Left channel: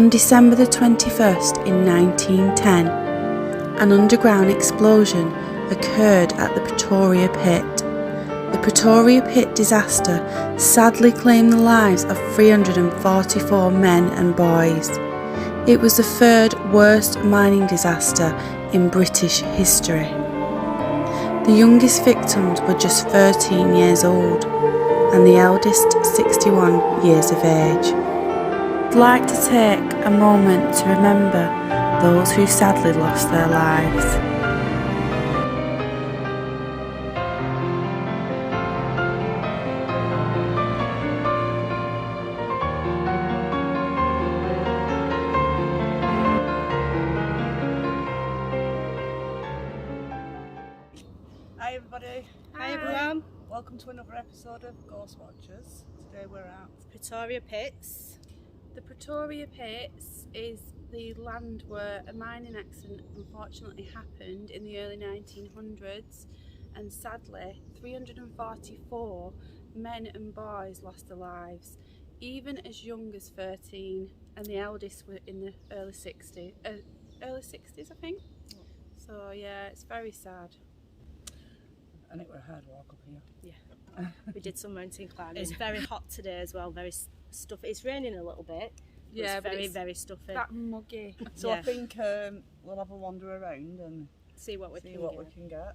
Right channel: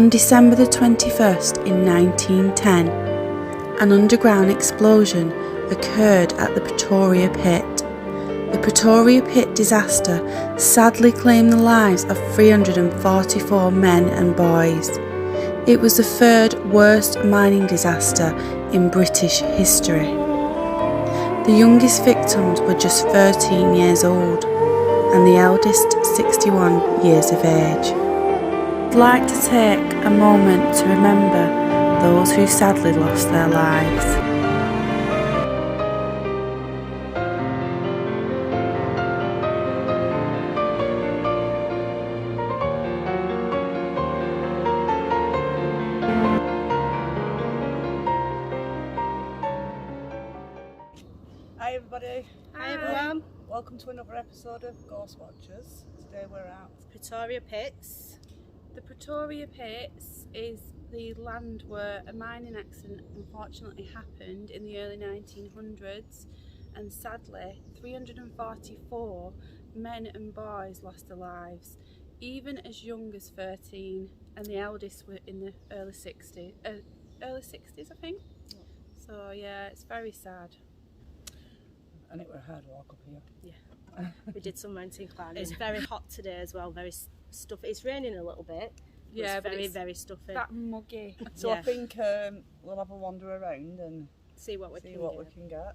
On December the 21st in 1910, an underground explosion occurred at the Pretoria Pit. The Pretoria Pit Disaster sadly claimed the lives of 344 men and boys. It was the third worst mining disaster in British history. The youngest victims were just 13 years old and the eldest 61 years of age. I'd like to take a moment to remember those who sadly lost their lives. Hi everybody. Hi everyone. Welcome to another episode of Ghost Watchers. Today we're at Pretoria Pits. The Pretoria Pits is the land where a mining accident unfortunately happened in the early 1900s, and sadly 344 men and boys lost their lives, even as young as 13, and the eldest were in the early 60s I think. So yeah, it's very sad. and it was a hard walk up here. Yeah, we did some mountain climbing. It's very hot today as well, very stuffy. It's raining a little bit. Yeah, but it's very stuffy. that muggy. So I think we'll have a wander around and see what we can get.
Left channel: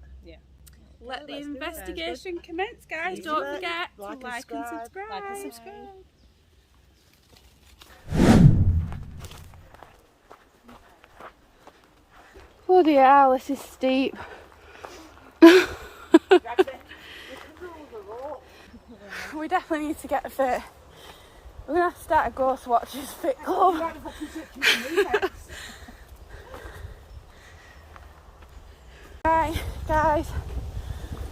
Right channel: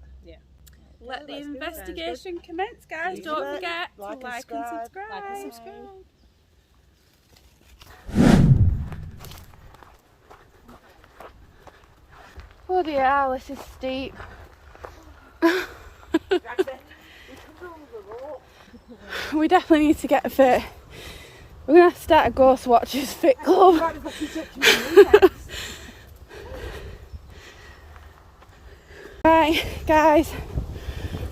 Let Well, the that's good. investigation commence, guys. Don't forget to like and subscribe. Like and subscribe. Bloody hell, this is steep. We definitely need to get a fit. We're going to have to start a Ghost Watchers fit club. Right, guys,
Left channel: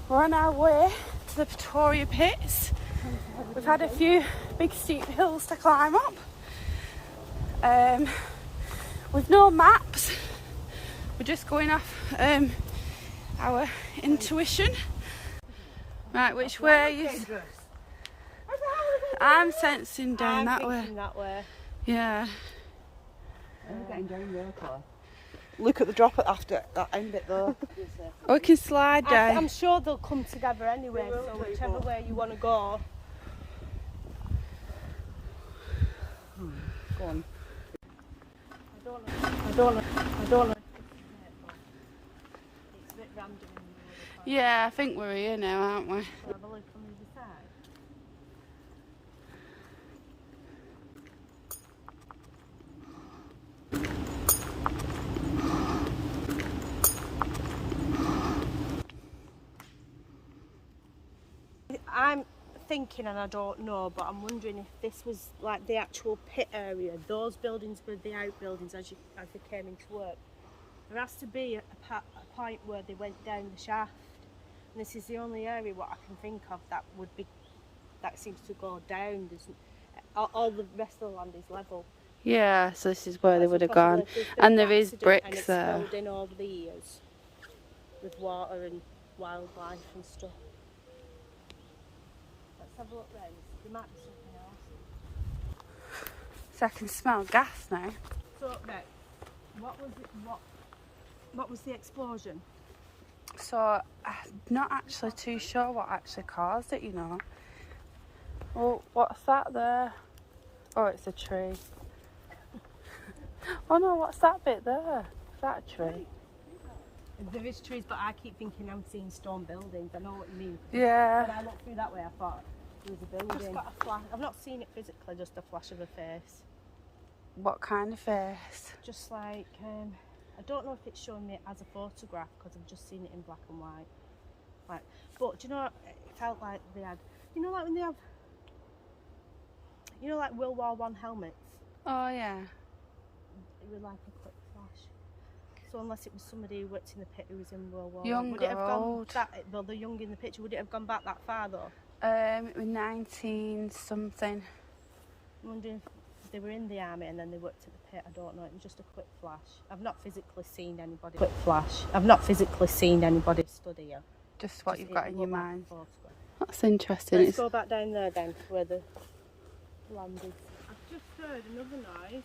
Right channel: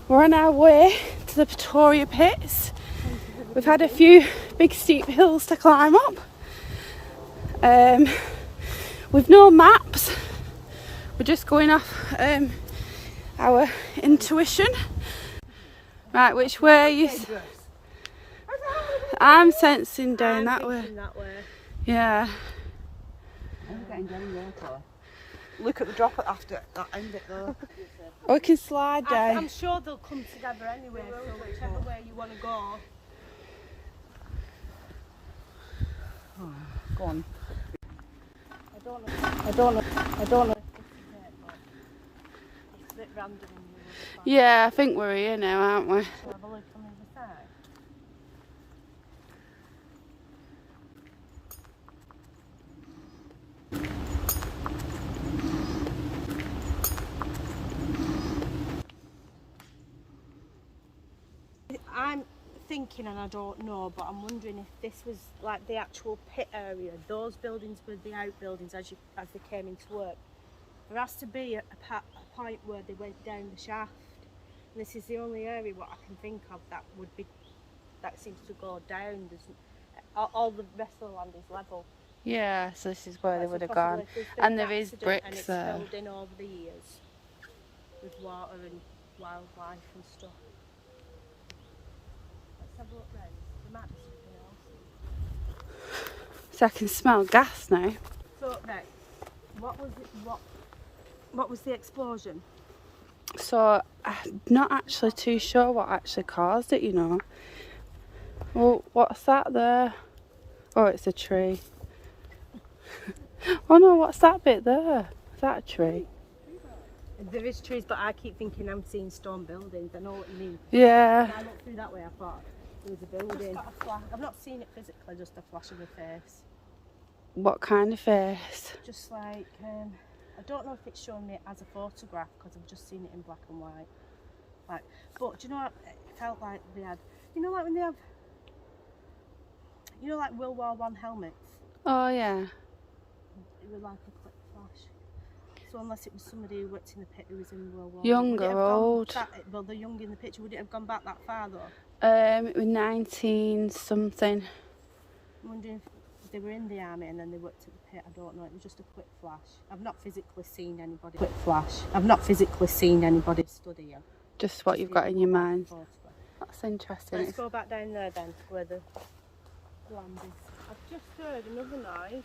we're on our way to the Pretoria Pits. We've had a few big steep hills to climb up. With no maps, we're just going off our intuition. Right, which way you... I'm sensing down that way. Yeah. I'm getting down there, Clare. Look at the drop after that end bit though. Oh, we can slide down. I'm sure they'll come together anyway, so whichever way you want to go. Oh, go on. I don't know. It's a bit random. Yeah, I think we're here now, aren't we? Have a look on the other side. I'm thinking, and I don't know, but I'm wondering if this was like the actual pit area. Those buildings were the outbuildings as they came into work. There has to be a point where they went down the shaft. And this is the only area what I can think of that seems to go down. All the rest of the land is level. Yeah, so this is where they would have gone. There's been And an there is accident bricks and there. it's filled in over the years with water and wildlife and stuff. Let's have a look then. There might be something else. So I can smell gas now. So right, what was it? What was the explosion? So I'm not actually too sure what actually caused it, you know. Well, what's that there? Oh, it's a tree. Oh no, what's that bit there? Is that a tree? There is trees, but I keep thinking I'm seeing stone buildings. I know what you mean. Yeah. When I looked through that way, I thought there was a building. I've not seen it physically, just a flash of a face. What kind of face? Just like, I don't know if it's showing me as a photograph because I've just seen it in black and white. Like, but do you know what? It felt like they had, you know, like when they have, you know, like World War I helmets. Oh yeah. It was like a quick flash. So unless it was somebody who worked in the pit who was in World War I, Young would it or have old? gone that? Well, the young in the picture, would it have gone back that far though? It was 19 something. I'm wondering if they were in the army and then they worked at the pit. I don't know. It was just a quick flash. I've not physically seen anybody. Quick flash. I've not physically seen anybody study here. Just what you've got in your mind. That's interesting. Let's go back down there then, where the land is. I've just heard another noise.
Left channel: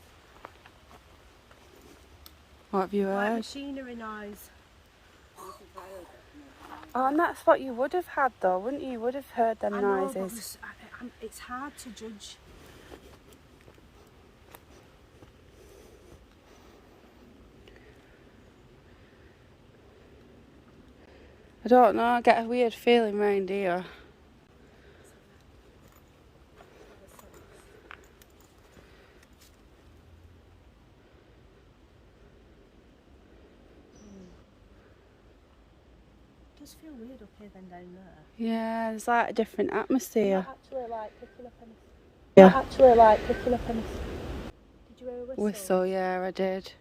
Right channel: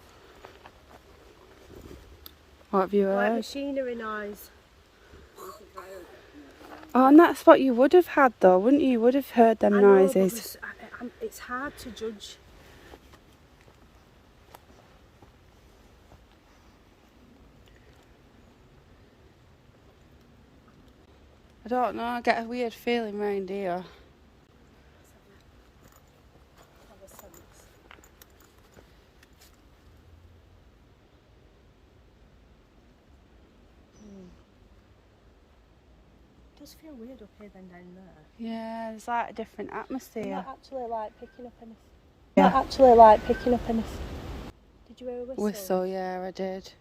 What have you Like heard? machinery noise. Oh, and that's what you would have had though, wouldn't you? You would have heard them I know, but noises. it's hard to judge. I don't know, I get a weird feeling round here. It does feel weird up here than down there. Yeah, there's like a different I'm atmosphere. not actually like picking up anything. Yeah. Not actually like picking up anything. Did you hear a whistle? Whistle, yeah, I did.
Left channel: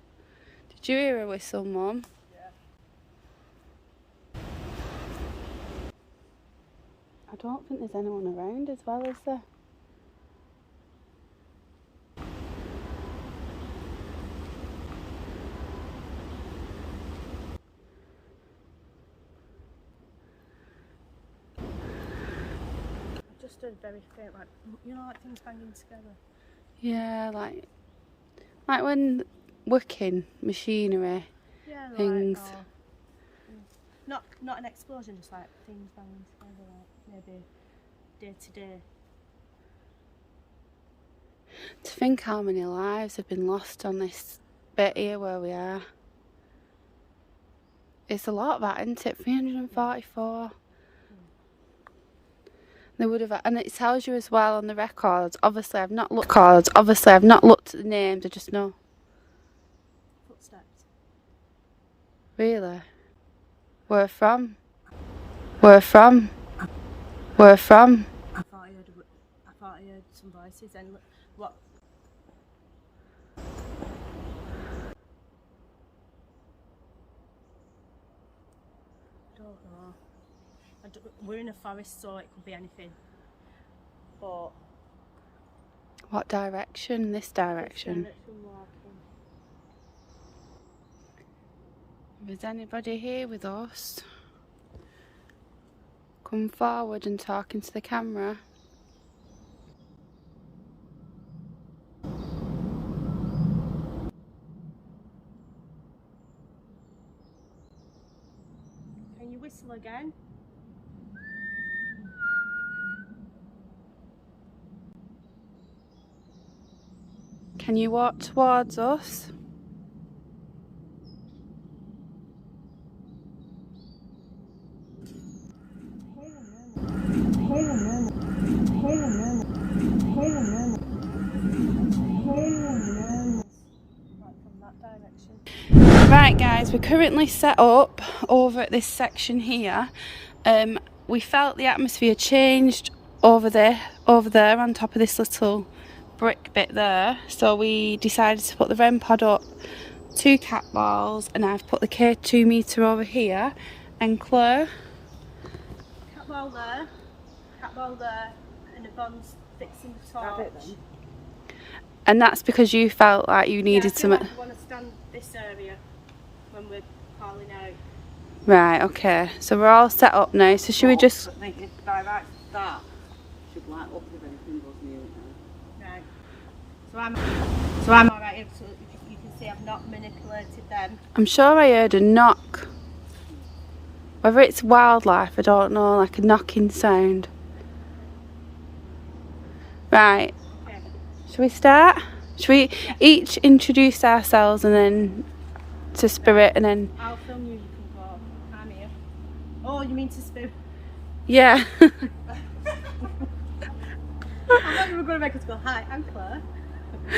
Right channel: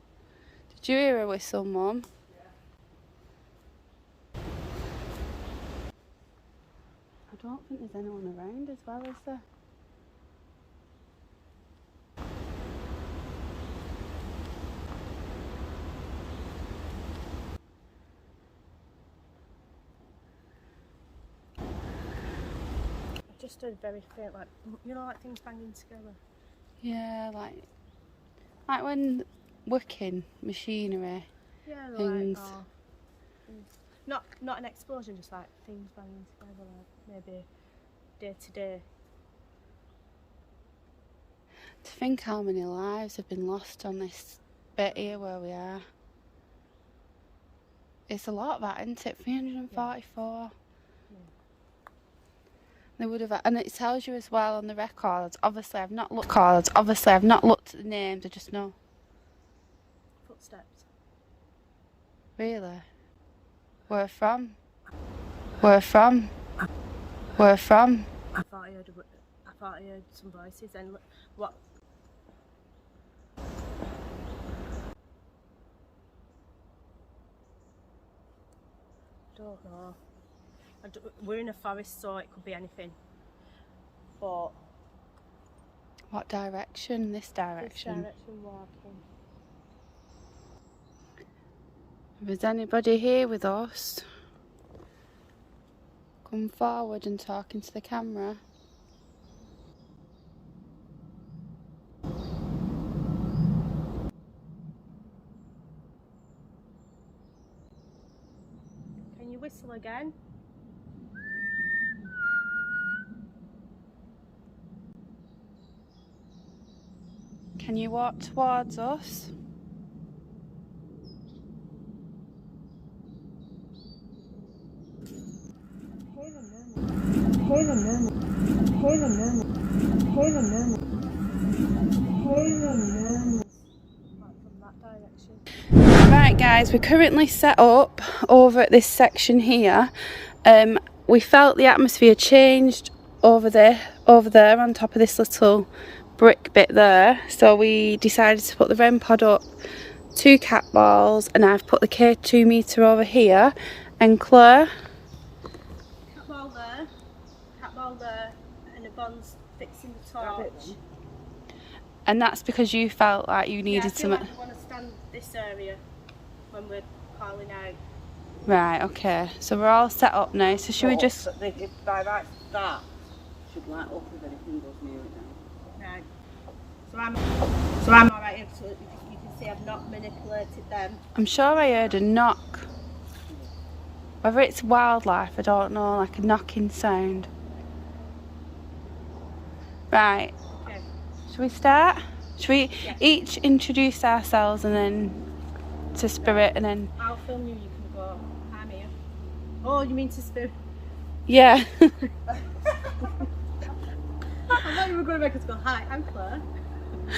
Did you hear a whistle, Mum? Yeah. I don't think there's anyone around as well, is there? Just a very faint, like, you know, like things banging together. Yeah, like when working machinery. Yeah, Things. like, oh, not an explosion, just like things banging together, like maybe day to day. To think how many lives have been lost on this bit here where we are. It's a lot, that, isn't it? 344. They would have, and it tells you as well on the records. Obviously, I've not looked at the names. I just know. Footsteps. Really? Where from? Where from? Where from? I thought I heard some voices and what? I don't know. We're in a forest, so it could be anything. But What direction? This direction. walking. If there's anybody here with us, come forward and talk into the camera. Can you whistle again? Can you walk towards us? From that direction. Right guys, we're currently set up over at this section here. We felt the atmosphere changed over there on top of this little brick bit there, so we decided to put the REM pod up, 2 cat balls, and I've put the K2 meter over here. And Claire, Cat ball there, and Yvonne's fixing the torch. and that's because you felt like you needed I feel some. like I want to stand this area when we're calling out. Right, okay, so we're all set up now, so should we just... If by right that should light up if anything goes near it now. Right. So I'm alright, so you can see I've not manipulated them. I'm sure I heard a knock. Whether it's wildlife, I don't know, like a knocking sound. Right, Okay. shall we start? Shall we each introduce ourselves and then to Spirit and then... I'll film you, you can go. I'm here. Oh, you mean to Spirit? Yeah. I thought you were going to make us go, hi, I'm Clare.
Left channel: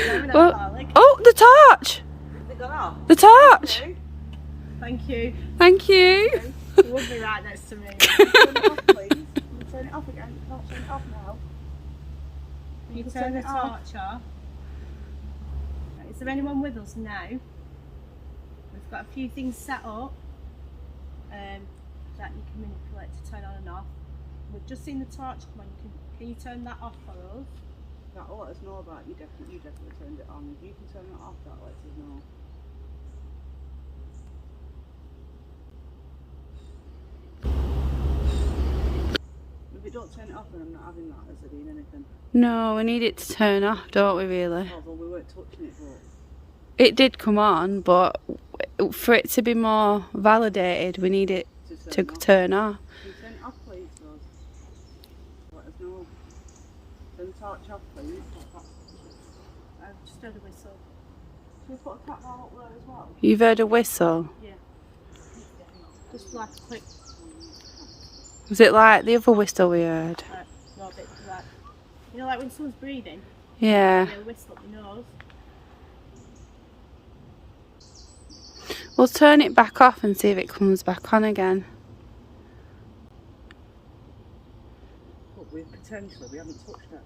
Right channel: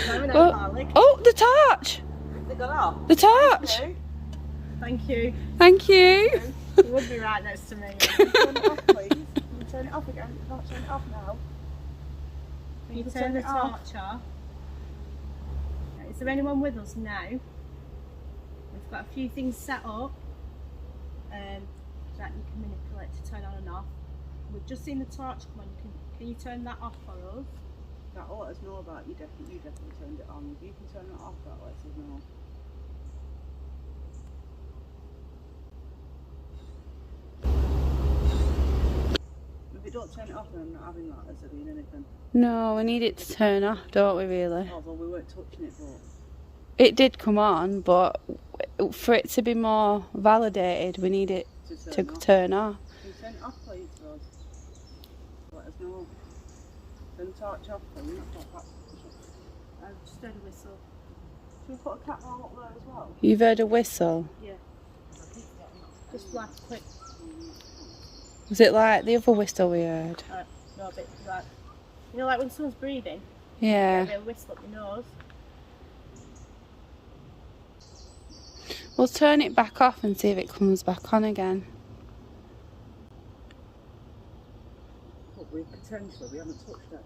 I'm an alcoholic. Oh, the torch! Is that off? The torch! Thank you. Thank you. You would be right next to me. Turn it off, please. Can you turn it off again? Can't turn it off now. You turn the torch off. Right, is there anyone with us now? We've got a few things set up that you can manipulate to turn on and off. We've just seen the torch come on. Can you turn that off for us? That'll let us know that you definitely turned it on. If you can turn it off, that lets us know. If you don't turn it off, then I'm not having that. Has there been anything? No, we need it to turn off, don't we, really? Although we weren't touching it, but It did come on, but for it to be more validated, we need it to turn off. Can you turn it off, please, Rose? Let us know. Turn the torch off, please. I've just heard a whistle. Can we put a cat ball up there as well? You've heard a whistle? Yeah. Just like a quick. Was it like the other whistle we heard? No, a bit like, you know, like when someone's breathing. Yeah. They'll whistle up your nose. We'll turn it back off and see if it comes back on again. But we haven't touched it.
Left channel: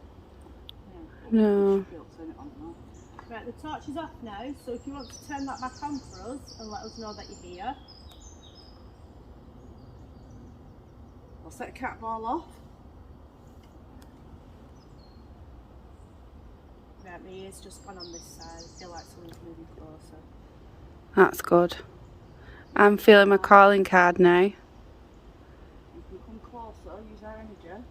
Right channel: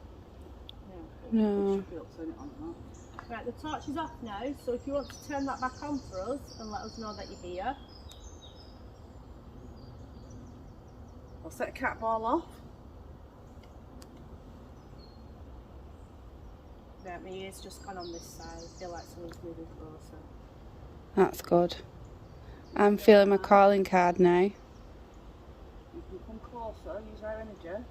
No. We should be able to turn it on and off. Right, the torch is off now, so if you want to turn that back on for us and let us know that you're here. I'll set a cat ball off. Right, my ear's just gone on this side. I feel like someone's moving closer. That's good. I'm feeling my calling card now. You can come closer, use our energy.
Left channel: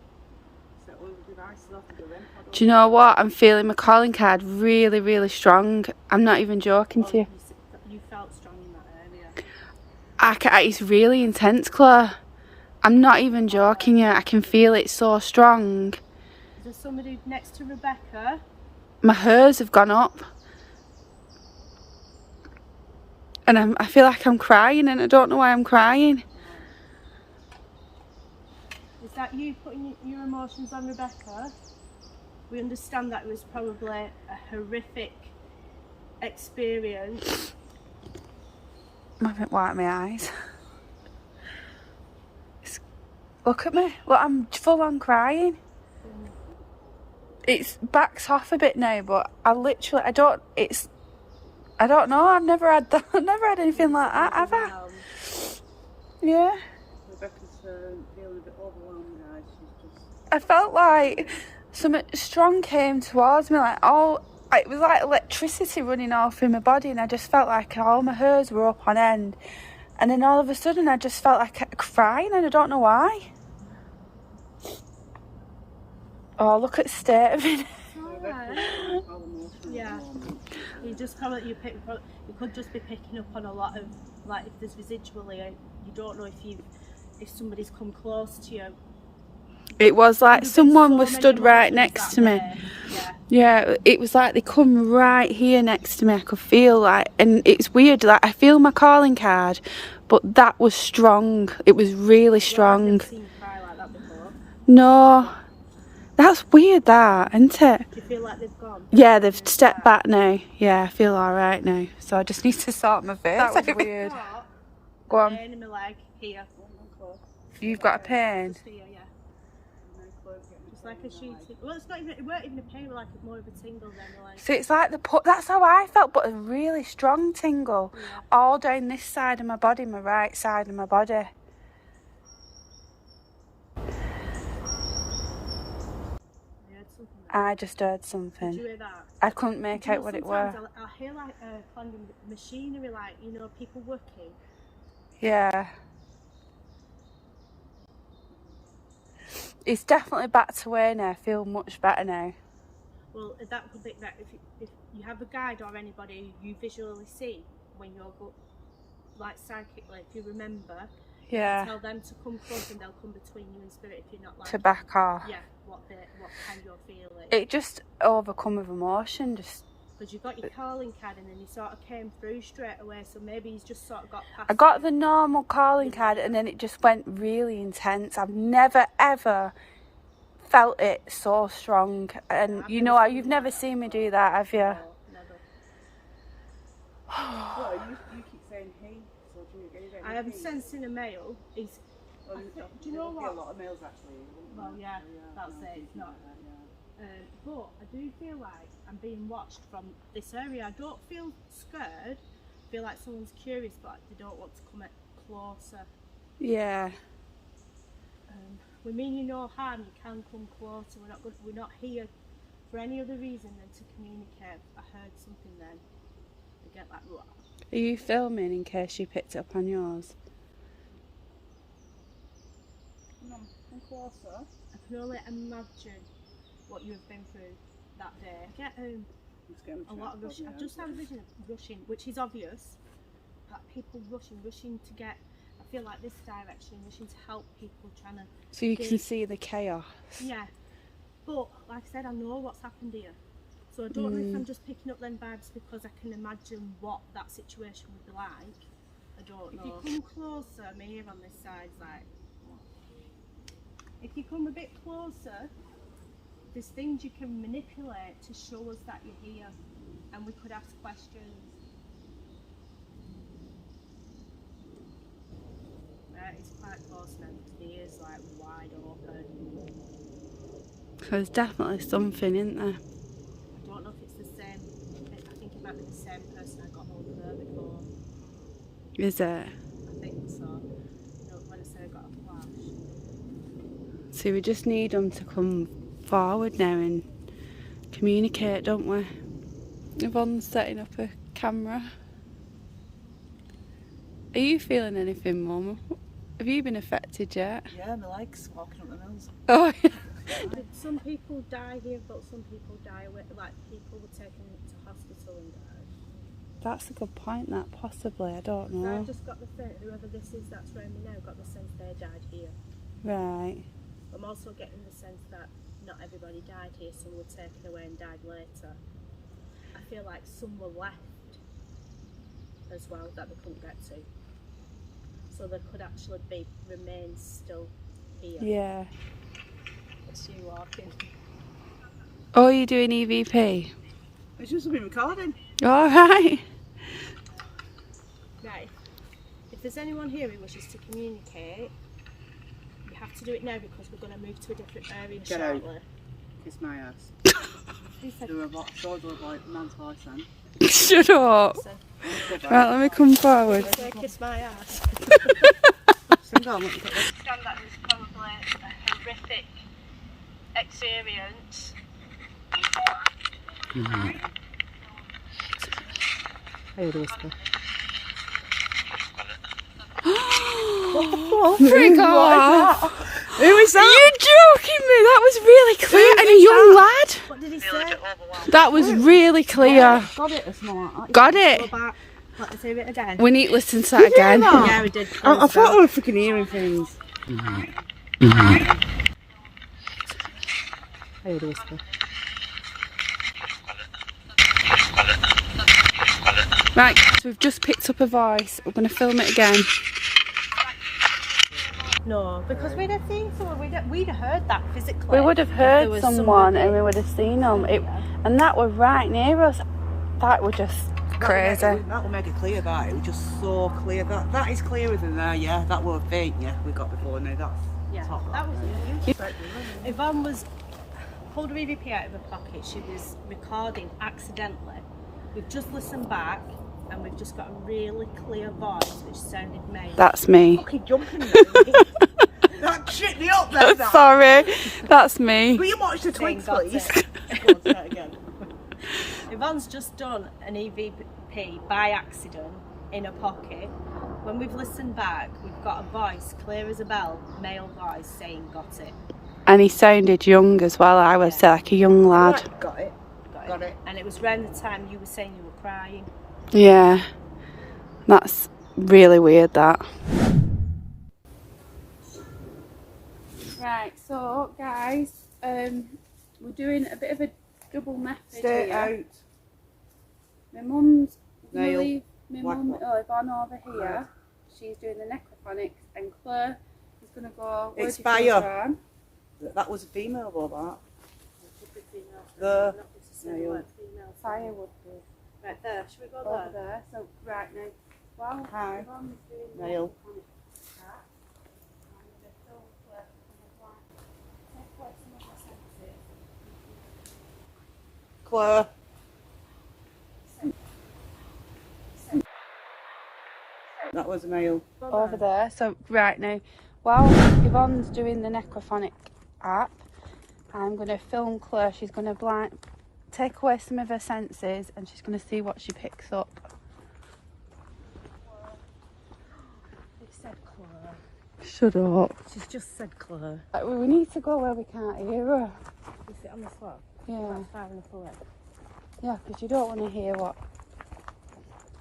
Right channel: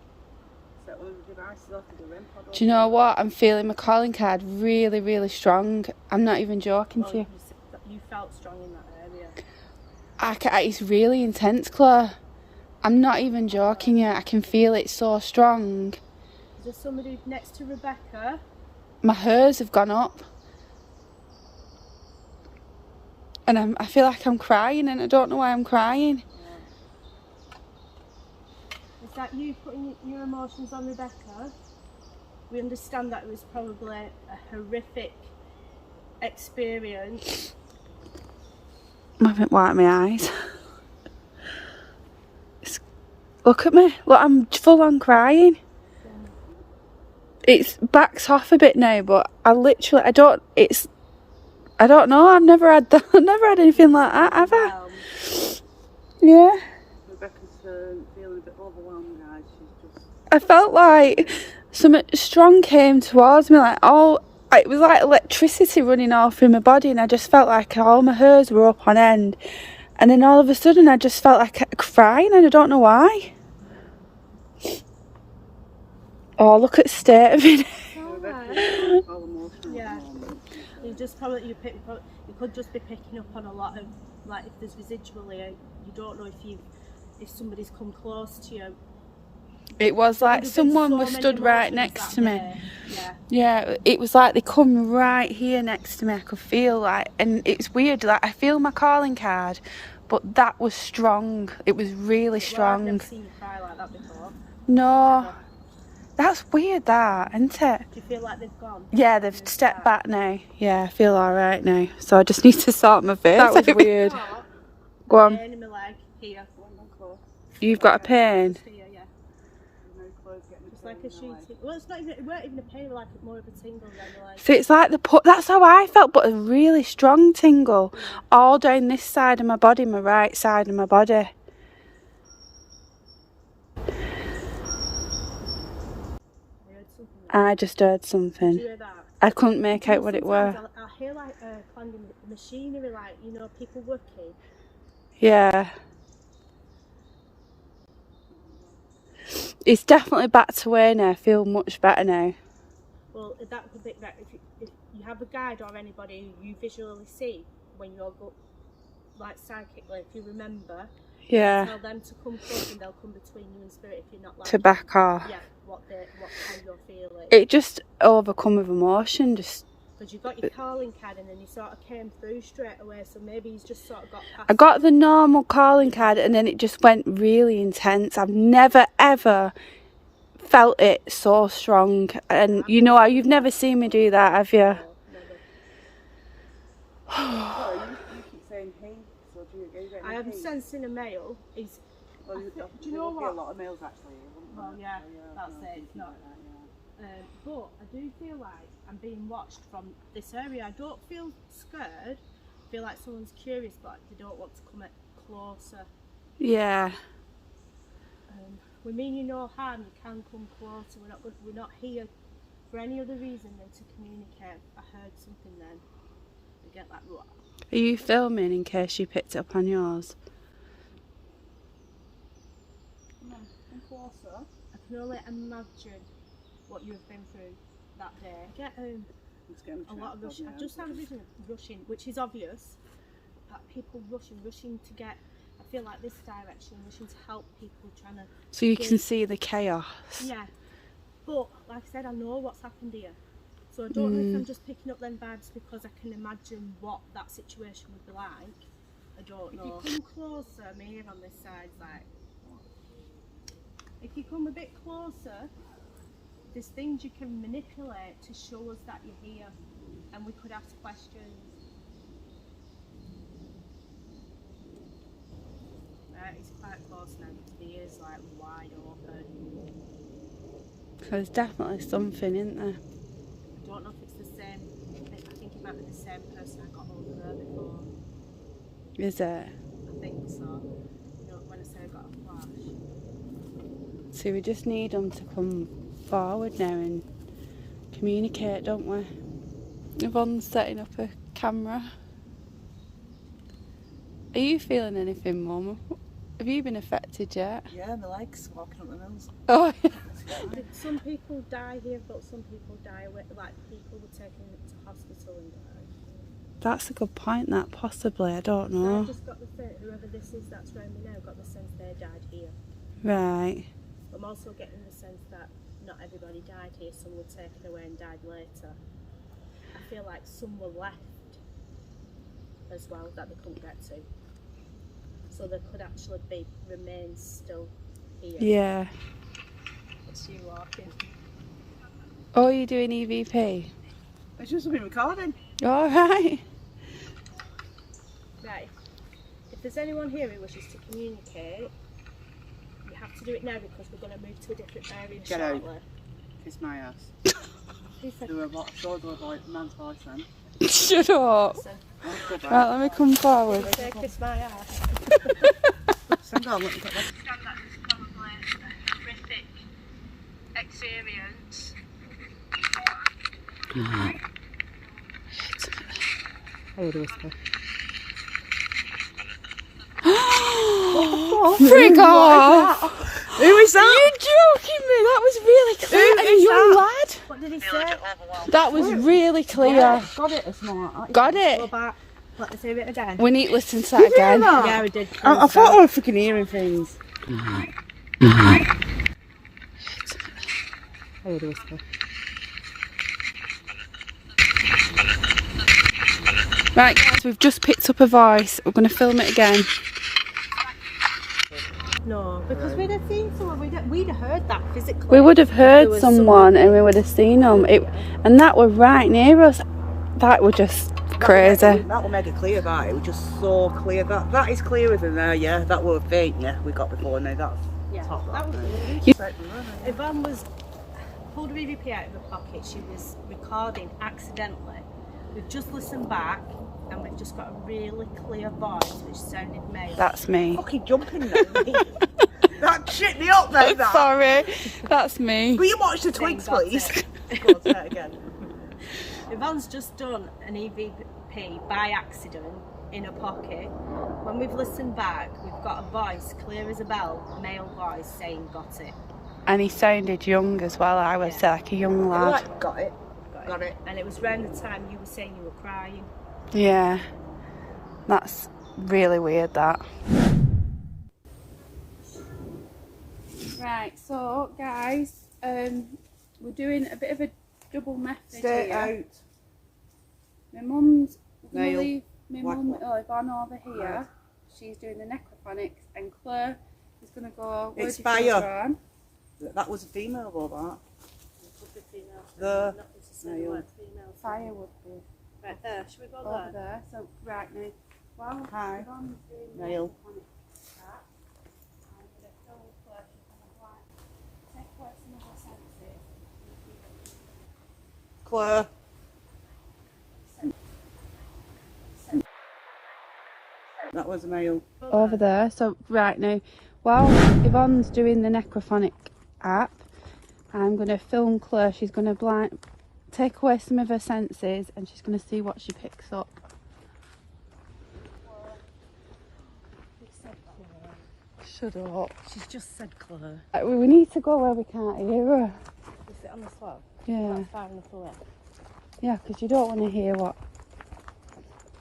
Set one of the devices off with the REM pod. Do you know what? I'm feeling my calling card really, really strong. I'm not even joking to you. You felt strong in that area. It's really intense, Claire. I'm not even joking you. I can feel it so strong. Is there somebody next to Rebecca? My hairs have gone up. And I feel like I'm crying and I don't know why I'm crying. Is that you putting your emotions on Rebecca? We understand that it was probably a horrific experience. I haven't wiped my eyes. Look at me. Look, I'm full on crying. It's backed off a bit now, but I don't know. I've never had that. I've never had anything like that, have I? Yeah. Rebecca's feeling a bit overwhelmed, guys. She's just... I felt like something strong came towards me, like it was like electricity running all through my body, and I just felt like all my hairs were up on end. And then all of a sudden I just felt like crying and I don't know why. Oh, look at the state of it. Yeah. You just probably you could just be picking up on a lot of, like, if there's residual here, you don't know if somebody's come close to you. It was like someone was stood right next to me. Yeah, it was like they come right here next to me. I could feel like, and it's weird, like I feel my calling card, but that was strong. It was really strong. Well, I've never seen you cry like that before. No. Ever. That's weird, that, isn't it? Do you feel like they've gone? Yeah, they've stepped back now. Yeah, I feel alright now. So I just need to sort my face. That was weird. Go on. Pain in my leg, here. You've got a pain? Just here, yeah. Just like a shooting. Well, it weren't even a pain, like more of a tingle than like. So it's like that's how I felt, but a really strong tingle. Yeah. All down this side of my body, my right side of my body. I just heard something. Did you hear that? I couldn't make out what it was. I hear like clanging machinery, like, you know, people working. Yeah. It's definitely back to where now. I feel much better now. Well, that could be that if you have a guide or anybody you visually see when you're like psychically, if you remember. Yeah. Tell them to come close and they'll come between you and spirit if you're not like to back off. Yeah, how you're feeling. It just overcome with emotion, just because you got your calling card and then you sort of came through straight away, so maybe he's just sort of got past. I got the normal calling card and then it just went really intense. I've never ever felt it so strong, and you know, you've never seen me do that, have you? No, never. Well, you keep saying hey. I am sensing a male. Do you know what? A lot of males actually. Well, yeah, that's it. It's not. But I do feel like I'm being watched from this area. I don't feel scared. I feel like someone's curious, but they don't want to come closer. Yeah. We mean you no harm. You can come closer. We're not here for any other reason than to communicate. I heard something then. I get that. Are you filming in case you picked it up on yours? Come closer. I can only imagine what you have been through that day. Get home. a lot of rushing. I just had a vision of rushing, which is obvious. But people rushing to get. I feel like this direction, rushing to help people, trying to. So you can see the chaos. Yeah, but like I said, I know what's happened here, so I don't know if I'm just picking up them vibes because I can imagine what that situation would be like. I don't know. If you come closer, I'm here on this side, like. If you come a bit closer, there's things you can manipulate to show us that you're here, and we could ask questions. Right, it's quite close now because the ear's like wide open. There's definitely something, isn't there? I don't know if it's the same. I think it might be the same person I got hold of her before. Is it? I think so. You know, when I say I got a flash. So we just need them to come forward now and communicate, don't we? Yvonne's setting up a camera. Are you feeling anything, Mum? Have you been affected yet? Yeah, my legs walking up the hills. Oh, Some people die here, but some people die away. Like people were taken to hospital and died. that's a good point, that possibly. I don't So know. I've just got the sense, whoever this is that's around me now, got the sense they died here. Right. I'm also getting the sense that not everybody died here, some were taken away and died later. I feel like some were left as well that they couldn't get to. So there could actually be remains still here. Yeah. It's you walking. Oh, you're doing EVP? It's just been recording. All right. Right. If there's anyone here who wishes to communicate, you have to do it now because we're going to move to a different area Get out. shortly. Kiss my ass. Who said Do a man's voice then. Shut up. so? Right, let me come forward. Say kiss my ass. Sing on, look at that. Understand that this is probably a horrific experience. I would whisper. Frig off! Who is that? You're joking me, that was really clear. And a young lad. What did he say? That was really clear. Got it or something like that. Got Go it. back. Let's hear it again. We need to listen to that again. that? Yeah, we did. I thought I was freaking hearing things. I would whisper. Right, guys, we've just picked up a voice. We're going to film it again. No, because we'd have seen someone, we'd have heard that physically. We would have if there heard was someone and we would have seen them. And that were right near us. That were just crazy. That was mega clear, that. It was just so clear. That is clearer than there, yeah. That were faint, yeah. We got before now. That's Yeah, top that was You- Yvonne was pulled her EVP out of her pocket. She was recording accidentally. We've just listened back and we've just got a really clear voice which sounded male. That's me. fucking jumping. That tripped me up there, that. Sorry, that's me. Will you watch the twins, got please? it. Go on, say it again. Yvonne's just done an EVP by accident in her pocket. When we've listened back, we've got a voice clear as a bell, male voice saying got it. And he sounded young as well. I would say like a young lad. Yeah, got it. Got it. And it was around the time you were saying you were crying. Yeah. That's really weird, that. Right, so guys, we're doing a bit of a double method Stay here. out. My mum's gonna Nail. leave my What? mum Yvonne over here. Right. She's doing the necrophonics, and Claire is gonna go. It's where did you fire. go, Jan? That was a female, though, The Nail. Firewood group. Right there, should we go Over there? there. So right now, while Hi. Yvonne's doing the Nail. necrophonics chat, I'm gonna fill Claire. She's gonna like take away some of her senses. Claire. That was a male. Over there. So right now, while Yvonne's doing the necrophonic app, I'm gonna film Claire. She's gonna take away some of her senses, and she's gonna see what she picks up. Shut up. She's just said Claire. We need to go where we can't hear her. Is it on the floor? Yeah. Far on the floor. Yeah, because you don't want to hear what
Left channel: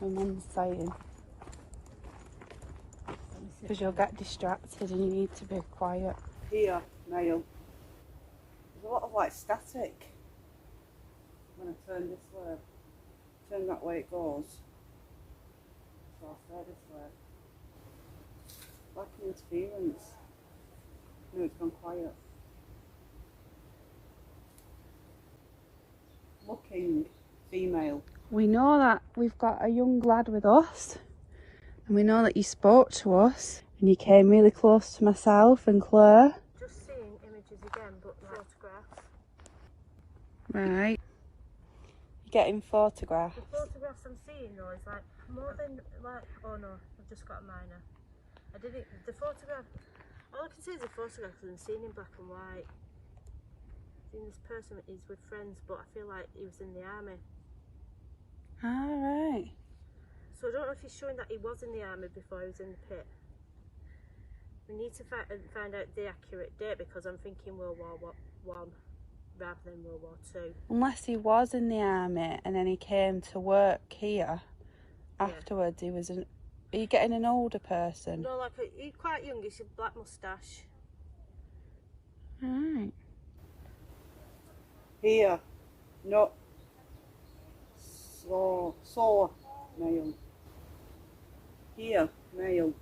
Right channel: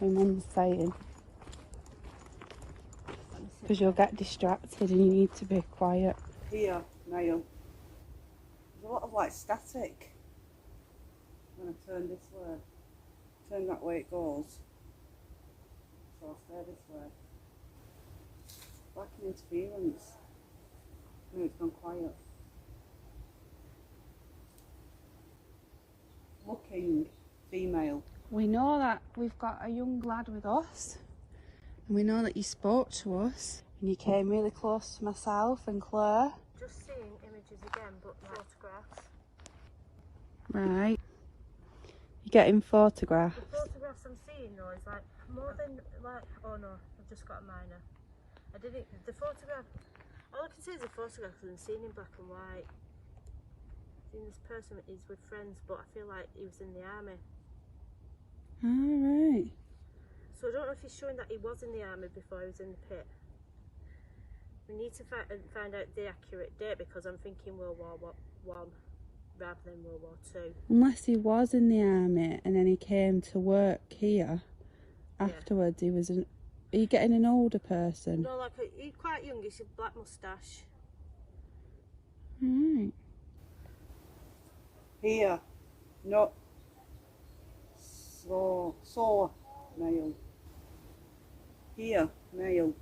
your mum's saying. Because you'll get distracted and you need to be quiet. Here, male. There's a lot of like static when I turn this way. Turn that way it goes. So I'll stay this way. Like an interference. No, it's gone quiet. Looking female. We know that we've got a young lad with us. And we know that you spoke to us. And you came really close to myself and Claire. Just seeing images again, but photographs. Right. You're getting photographs. The photographs I'm seeing though is like more than like, oh no, I've just got a minor. I didn't, the photograph, all I can see is a photograph and seen in black and white. Seeing this person is with friends, but I feel like he was in the army. Alright. So I don't know if he's showing that he was in the army before he was in the pit. We need to find out the accurate date because I'm thinking World War One rather than World War Two. Unless he was in the army and then he came to work here afterwards. He was an... Are you getting an older person? No, like he's quite young. He's a black moustache. Right. Here. Not so male. Here, male.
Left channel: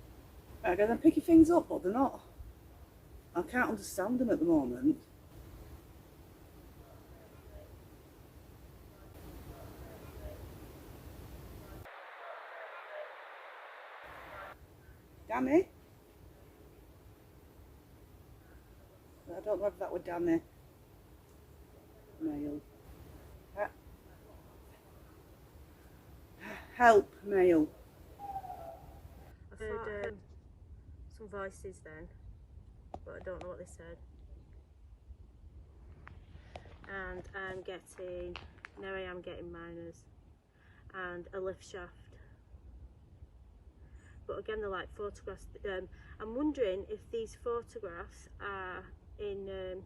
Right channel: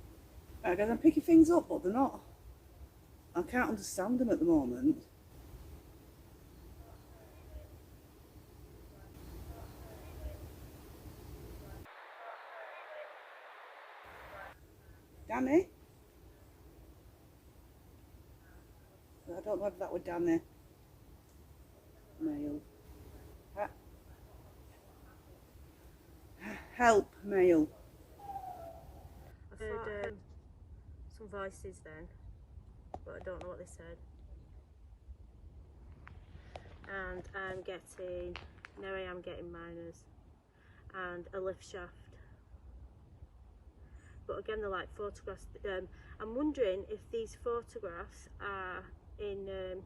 I guess I'm picking things up, but they're not. I can't understand them at the moment. Danny? I don't know if that was Danny. Male. Help, male. I heard some voices then, but I don't know what they said. And I'm getting, now I am getting minors and a lift shaft. But again, they're like photographs. I'm wondering if these photographs are in,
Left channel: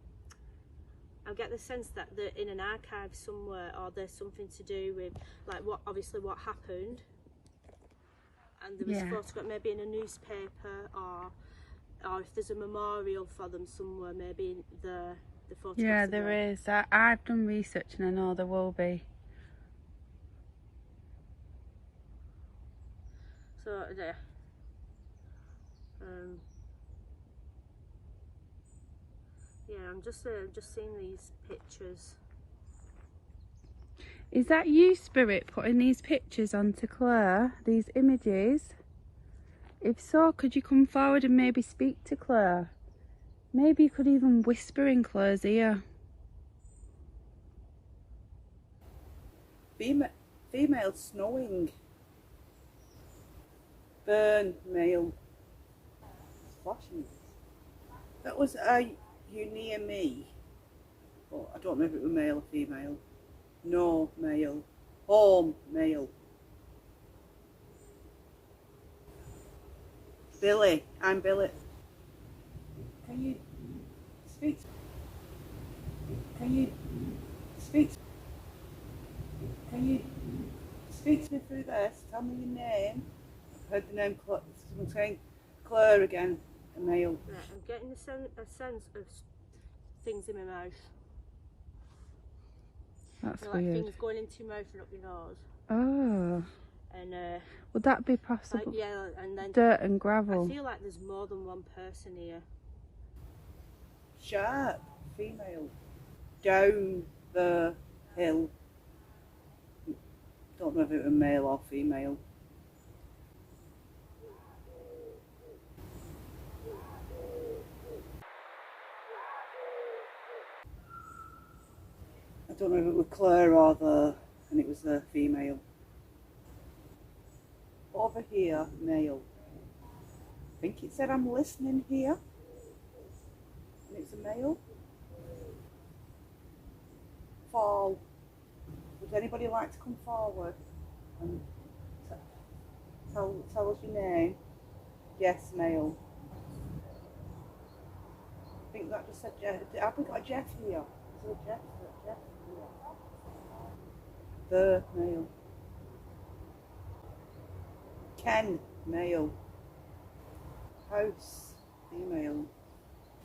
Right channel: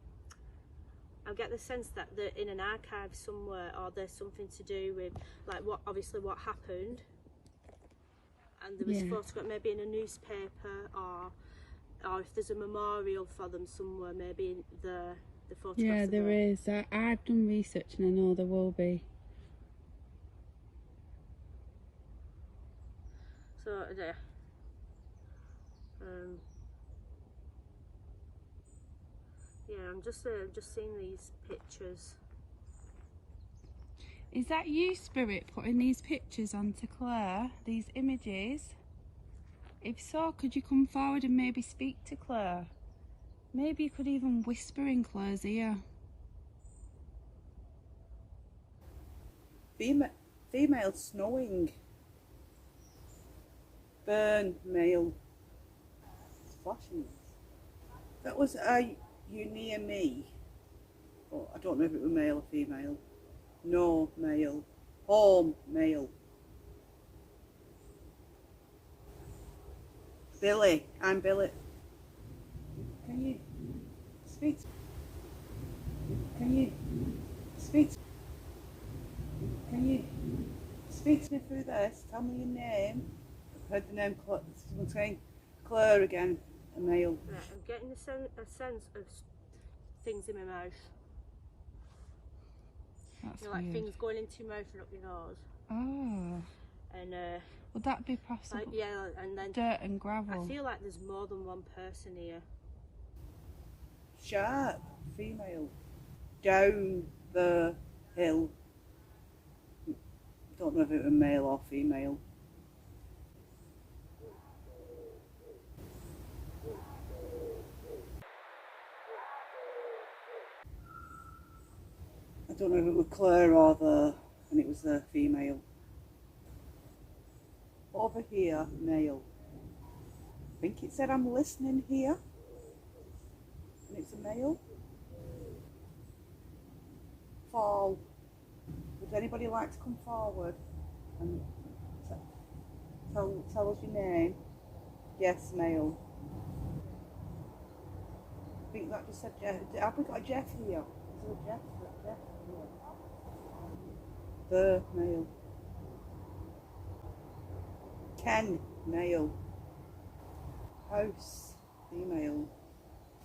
I get the sense that they're in an archive somewhere, or there's something to do with like what happened. And there was a photograph maybe in a newspaper, or if there's a memorial for them somewhere, maybe in the photographs. Yeah, there is. I've done research and I know there will be. So yeah, I'm just seeing these pictures. Is that you, Spirit, putting these pictures onto Claire, these images? If so, could you come forward and maybe speak to Claire? Maybe you could even whisper in Claire's ear. Female snowing. Burn, male. Flashing. That was you near me. But I don't know if it was male or female. No, male. Home, male. Billy, I'm Billy. Can you speak? Can you speak? Can you speak to me through this? Tell me your name. I've heard the name. Someone saying Clare again. A male. Right, I'm getting a sense of things in my mouth. That's like weird. Things going into your mouth and up your nose. Oh. And would that be possible? like, yeah, and then dirt and gravel. I feel like there's more than one person here. Sharp, female. Down the hill. Don't know if it was male or female. I don't know if it was Clare or and it was the female. Over here, male. I think it said I'm listening here. And it's a male. Fall. Would anybody like to come forward and tell us your name? Yes, male. I think that just said Jeff. Have we got a Jeff here? Is there a Jeff? Jeff here. The male. Ken, male. House, female.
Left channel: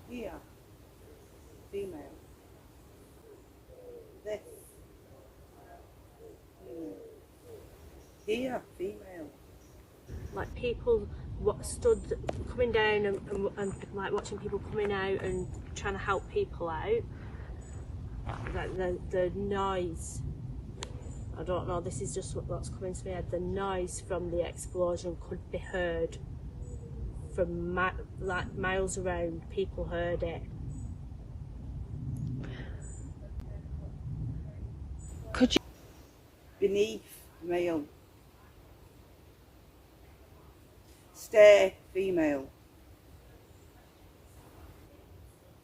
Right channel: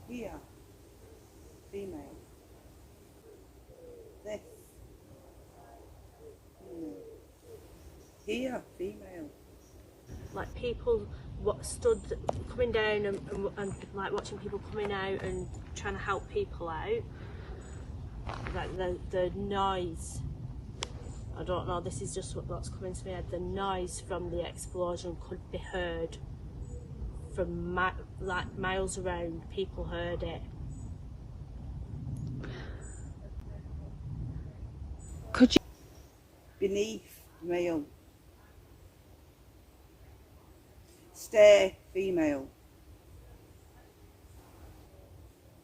Here, female. This, female. Here, female. Like people stood coming down and like watching people coming out and trying to help people out. Like the noise, I don't know, this is just what's coming to my head. The noise from the explosion could be heard from like miles around. People heard it. Could you? Beneath, male. Stair, female.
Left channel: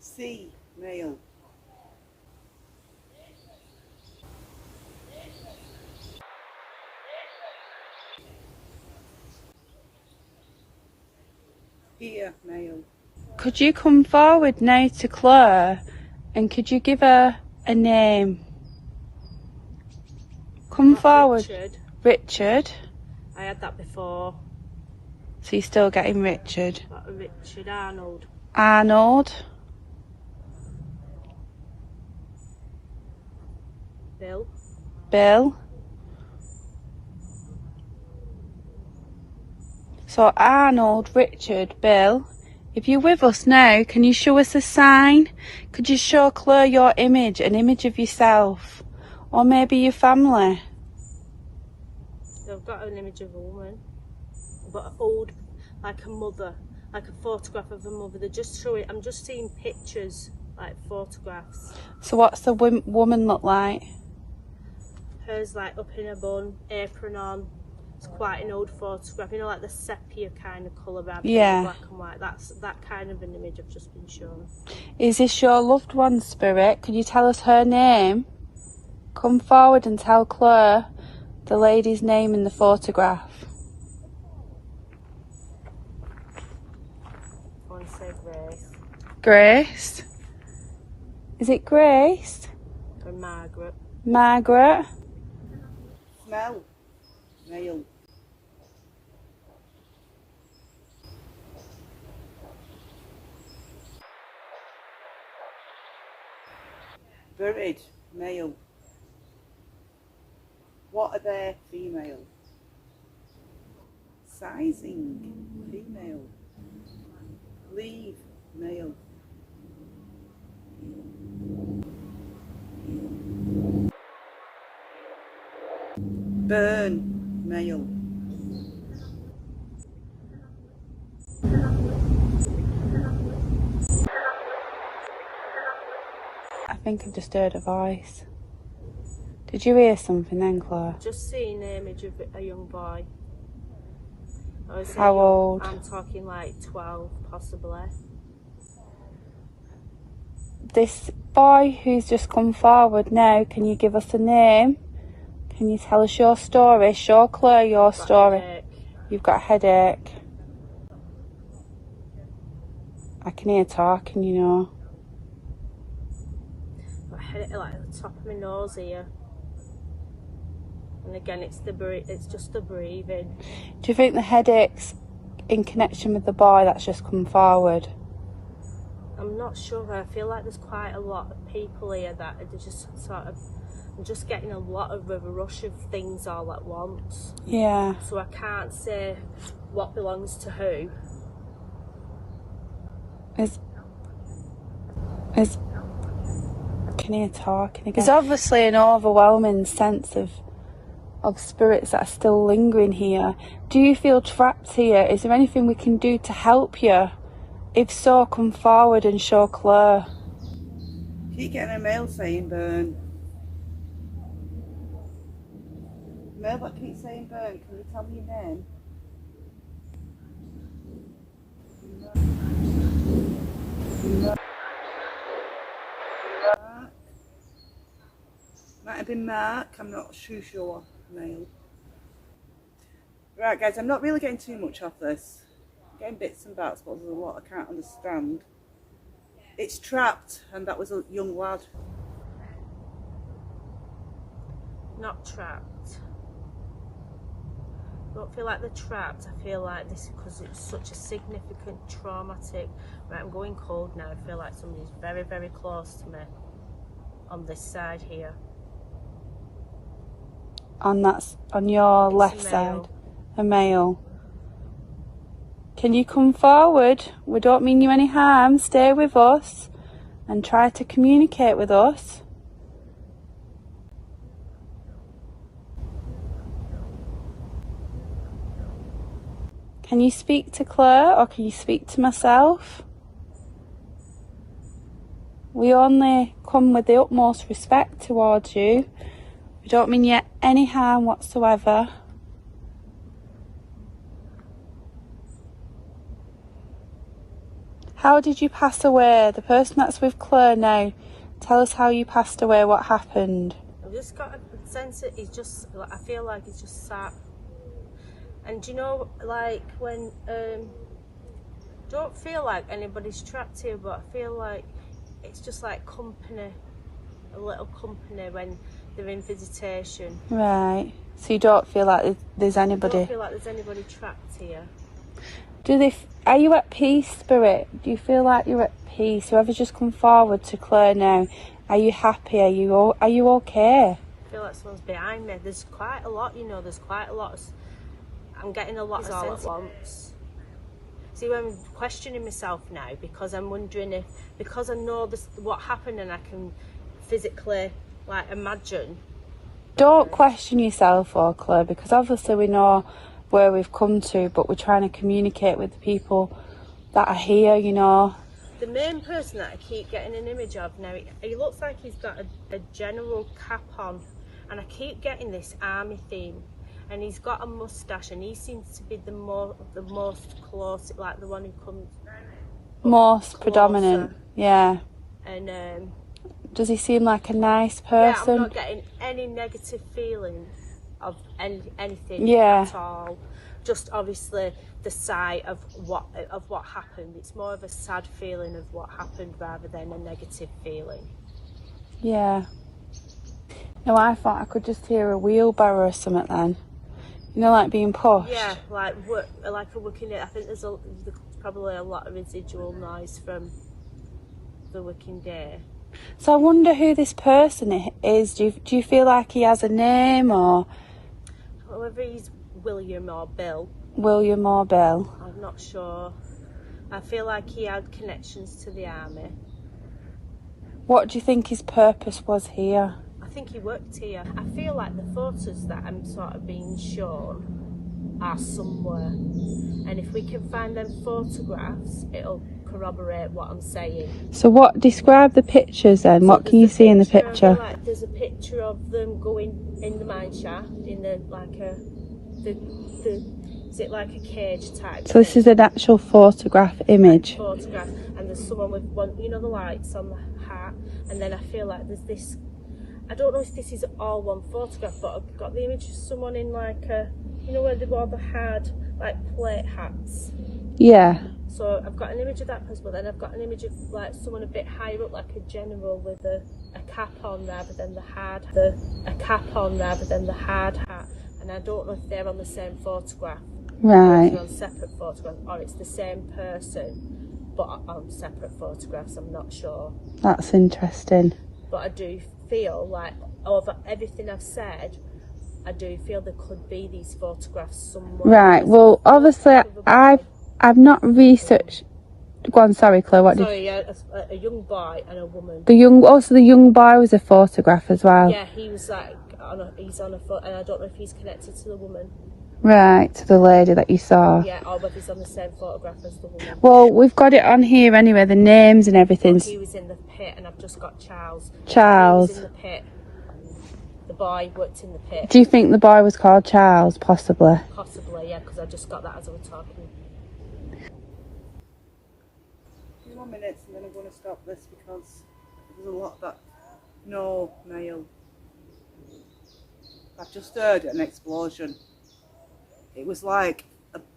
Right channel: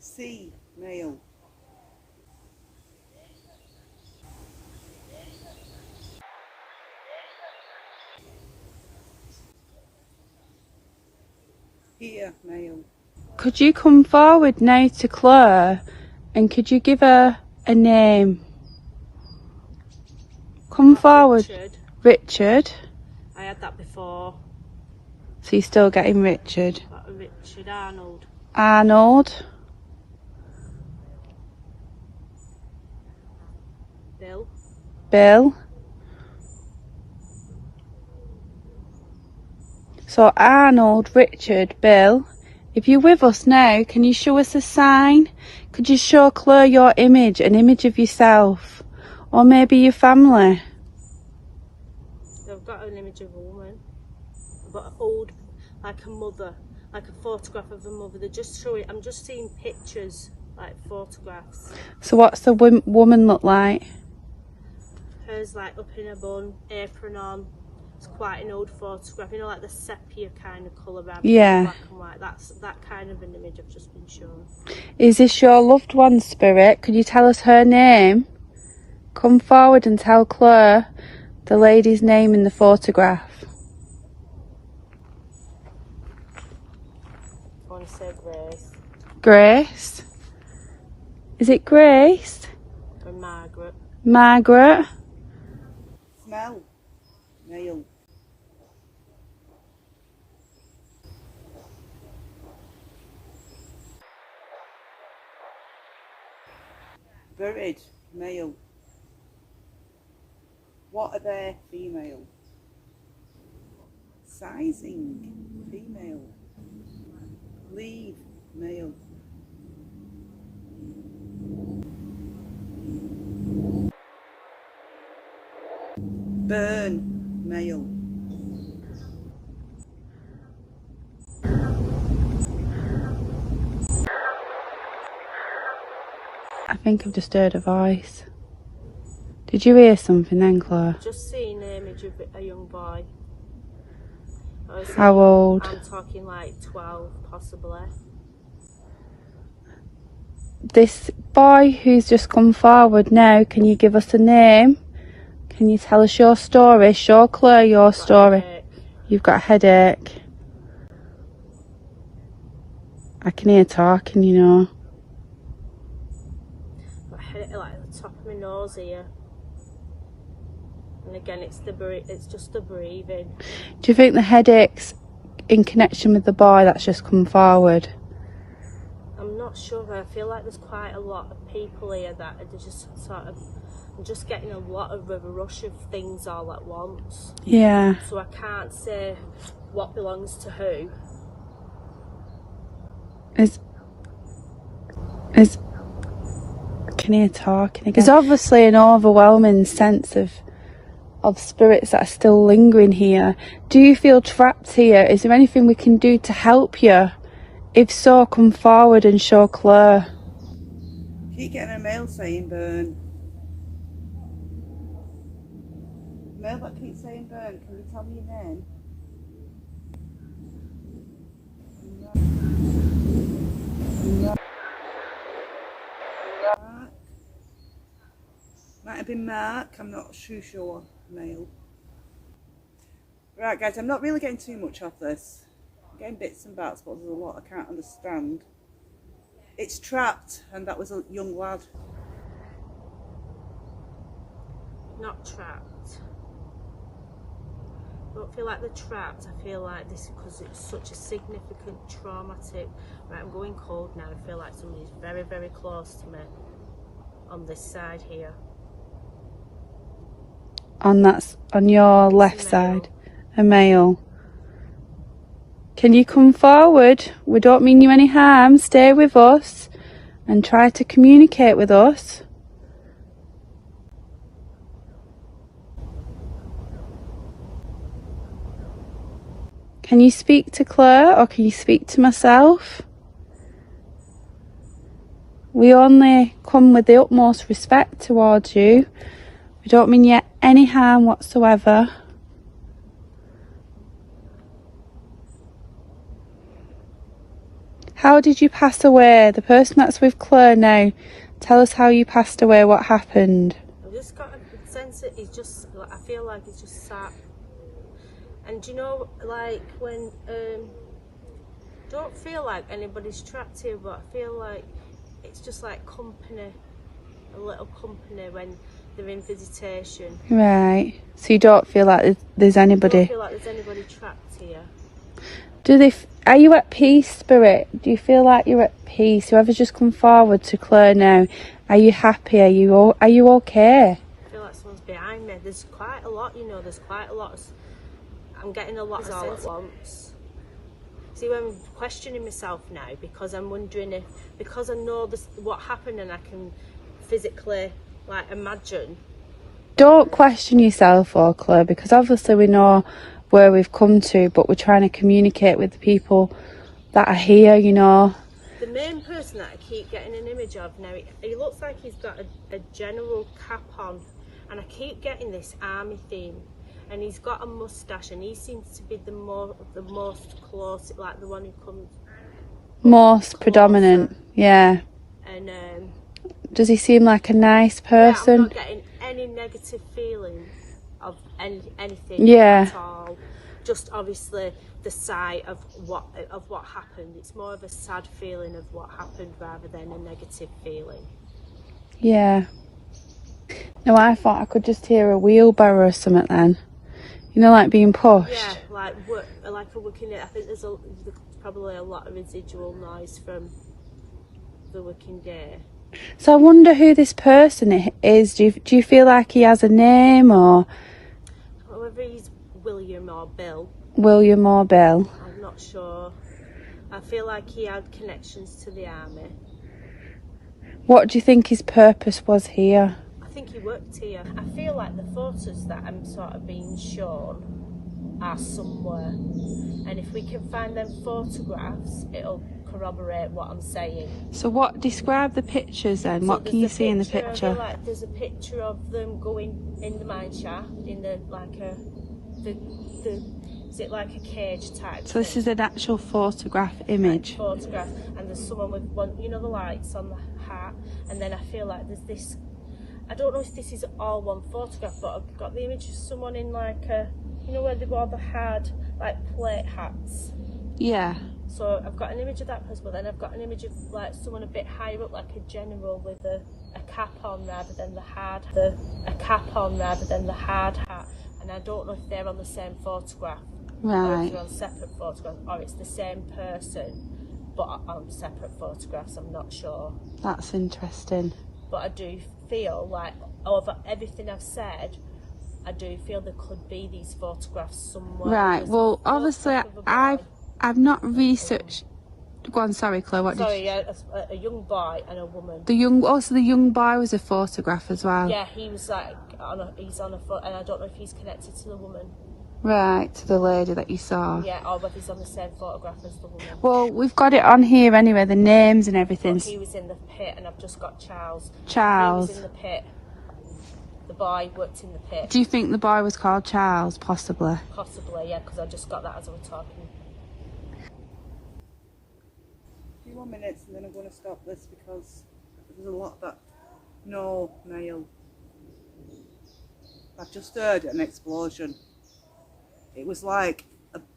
C, male. Here, male. Could you come forward now to Clare, and could you give her a name? Come forward. Richard. Richard. I had that before. So you're still getting Richard. Richard Arnold. Arnold. Bill. Bill. So Arnold, Richard, Bill. If you're with us now, can you show us a sign? Could you show Clare your image, an image of yourself? Or maybe your family? I've got an image of a woman, but old, like a mother, like a photograph of a mother. They're just showing, I'm just seeing pictures, like photographs. So what's the woman look like? Hers like up in a bun, apron on. It's quite an old photograph, you know, like the sepia kind of colour rather than black and white. That's that kind of an image I've just been shown. Is this your loved one's spirit? Could you tell us her name? Come forward and tell Clare the lady's name in the photograph. I want to say Grace. Grace? Is it Grace? Or Margaret. Margaret? Smell, male. Buried, male. What are they, female? Sizing, female. Leave, male. Burn, male. I think I've just heard a voice. Did you hear something then, Clare? Just seeing an image of a young boy. I was How saying, old? I'm talking like 12 possibly. This boy who's just come forward now, can you give us a name? Can you tell us your story? Show Clare your story. You've got a headache. I can hear talking, you know. Got a headache like at the top of my nose here. And again, it's just the breathing. Do you think the headache's in connection with the boy that's just come forward? I'm not sure. I feel like there's quite a lot of people here that are just sort of, I'm just getting a lot of a rush of things all at once. Yeah. So I can't say what belongs to who. I can hear talking again. There's obviously an overwhelming sense of spirits that are still lingering here. Do you feel trapped here? Is there anything we can do to help you? If so, come forward and show Clare. Keep getting a mail saying burn. Mail that keeps saying burn, can you tell me your name? Mark. Might have been Mark, I'm not too sure. Mail. Right guys, I'm not really getting too much off this. I'm getting bits and bats, but there's a lot I can't understand. It's trapped, and that was a young lad. not trapped. I don't feel like they're trapped. I feel like this because it's such a significant traumatic. Right, I'm going cold now. I feel like somebody's very, very close to me on this side here. And that's on your left side, a male. Can you come forward? We don't mean you any harm. Stay with us and try to communicate with us. Can you speak to Claire or can you speak to myself? We only come with the utmost respect towards you. We don't mean you any harm whatsoever. How did you pass away? The person that's with Claire now, tell us how you passed away, what happened. I've just got a sense that he's just, I feel like he's just sat. And do you know, like when, don't feel like anybody's trapped here, but I feel like it's just like company, a little company when they're in visitation. Right, so you don't feel like there's anybody? I don't feel like there's anybody trapped here. Are you at peace, Spirit? Do you feel like you're at peace? Whoever's just come forward to Claire now, are you happy? Are you okay? I feel like someone's behind me. There's quite a lot, you know, there's quite a lot of, I'm getting a lot all at once. See, I'm questioning myself now because I'm wondering if, because I know this, what happened and I can physically, like, imagine. Don't question yourself, Claire, because obviously we know where we've come to, but we're trying to communicate with the people that are here, you know. The main person that I keep getting an image of now, he looks like he's got a general cap on, and I keep getting this army theme, and he's got a moustache, and he seems to be the most close, like the one who comes most closer. Predominant, yeah. And does he seem like a nice person? Yeah, I'm not getting any negative feelings of anything at all. Just obviously the sight of what happened. It's more of a sad feeling of what happened rather than a negative feeling. Yeah. No, I thought I could just hear a wheelbarrow or something then. You know, like being pushed. Yeah, like a working. I think there's probably a lot of residual noise from the working day. So I wonder who this person is. Do you feel like he has a name or? Whether he's William or Bill. William or Bill. I'm not sure. I feel like he had connections to the army. What do you think his purpose was here? I think he worked here. I feel like the photos that I'm sort of being shown are somewhere. And if we can find them photographs, it'll corroborate what I'm saying. So describe the pictures then? So what can you see in the picture? I feel like there's a picture of them going in the mine shaft in is it like a cage type? So this is an actual photograph image. Photograph, and there's someone with one, you know, the lights on the hat, and then I feel like there's this. I don't know if this is all one photograph, but I've got the image of someone in like a, you know, where they wore the hard like plate hats. Yeah. So I've got an image of that person, but then I've got an image of like someone a bit higher up, like a general with a cap on rather than the hard hat. And I don't know if they're on the same photograph, or if they're on separate photographs, or it's the same person but on separate photographs. I'm not sure. That's interesting. But I do feel like over everything I've said, I do feel there could be these photographs somewhere. Right. Well, obviously I've not researched. Go on, sorry, Claire. A young boy and a woman. The young boy was a photograph as well. Yeah, he was like he's on a foot, and I don't know if he's connected to the woman. Right, to the lady that you saw. Yeah, or whether he's on the same photograph as the woman. Well, we've got it on here anyway, the names and everything. But he was in the pit, and I've just got Charles. He was in the pit. The boy worked in the pit. Do you think the boy was called Charles, possibly? Possibly, yeah, because I just got that as I was talking. A few more minutes and then I'm going to stop this because there's a lot that no male. I've just heard an explosion. It was like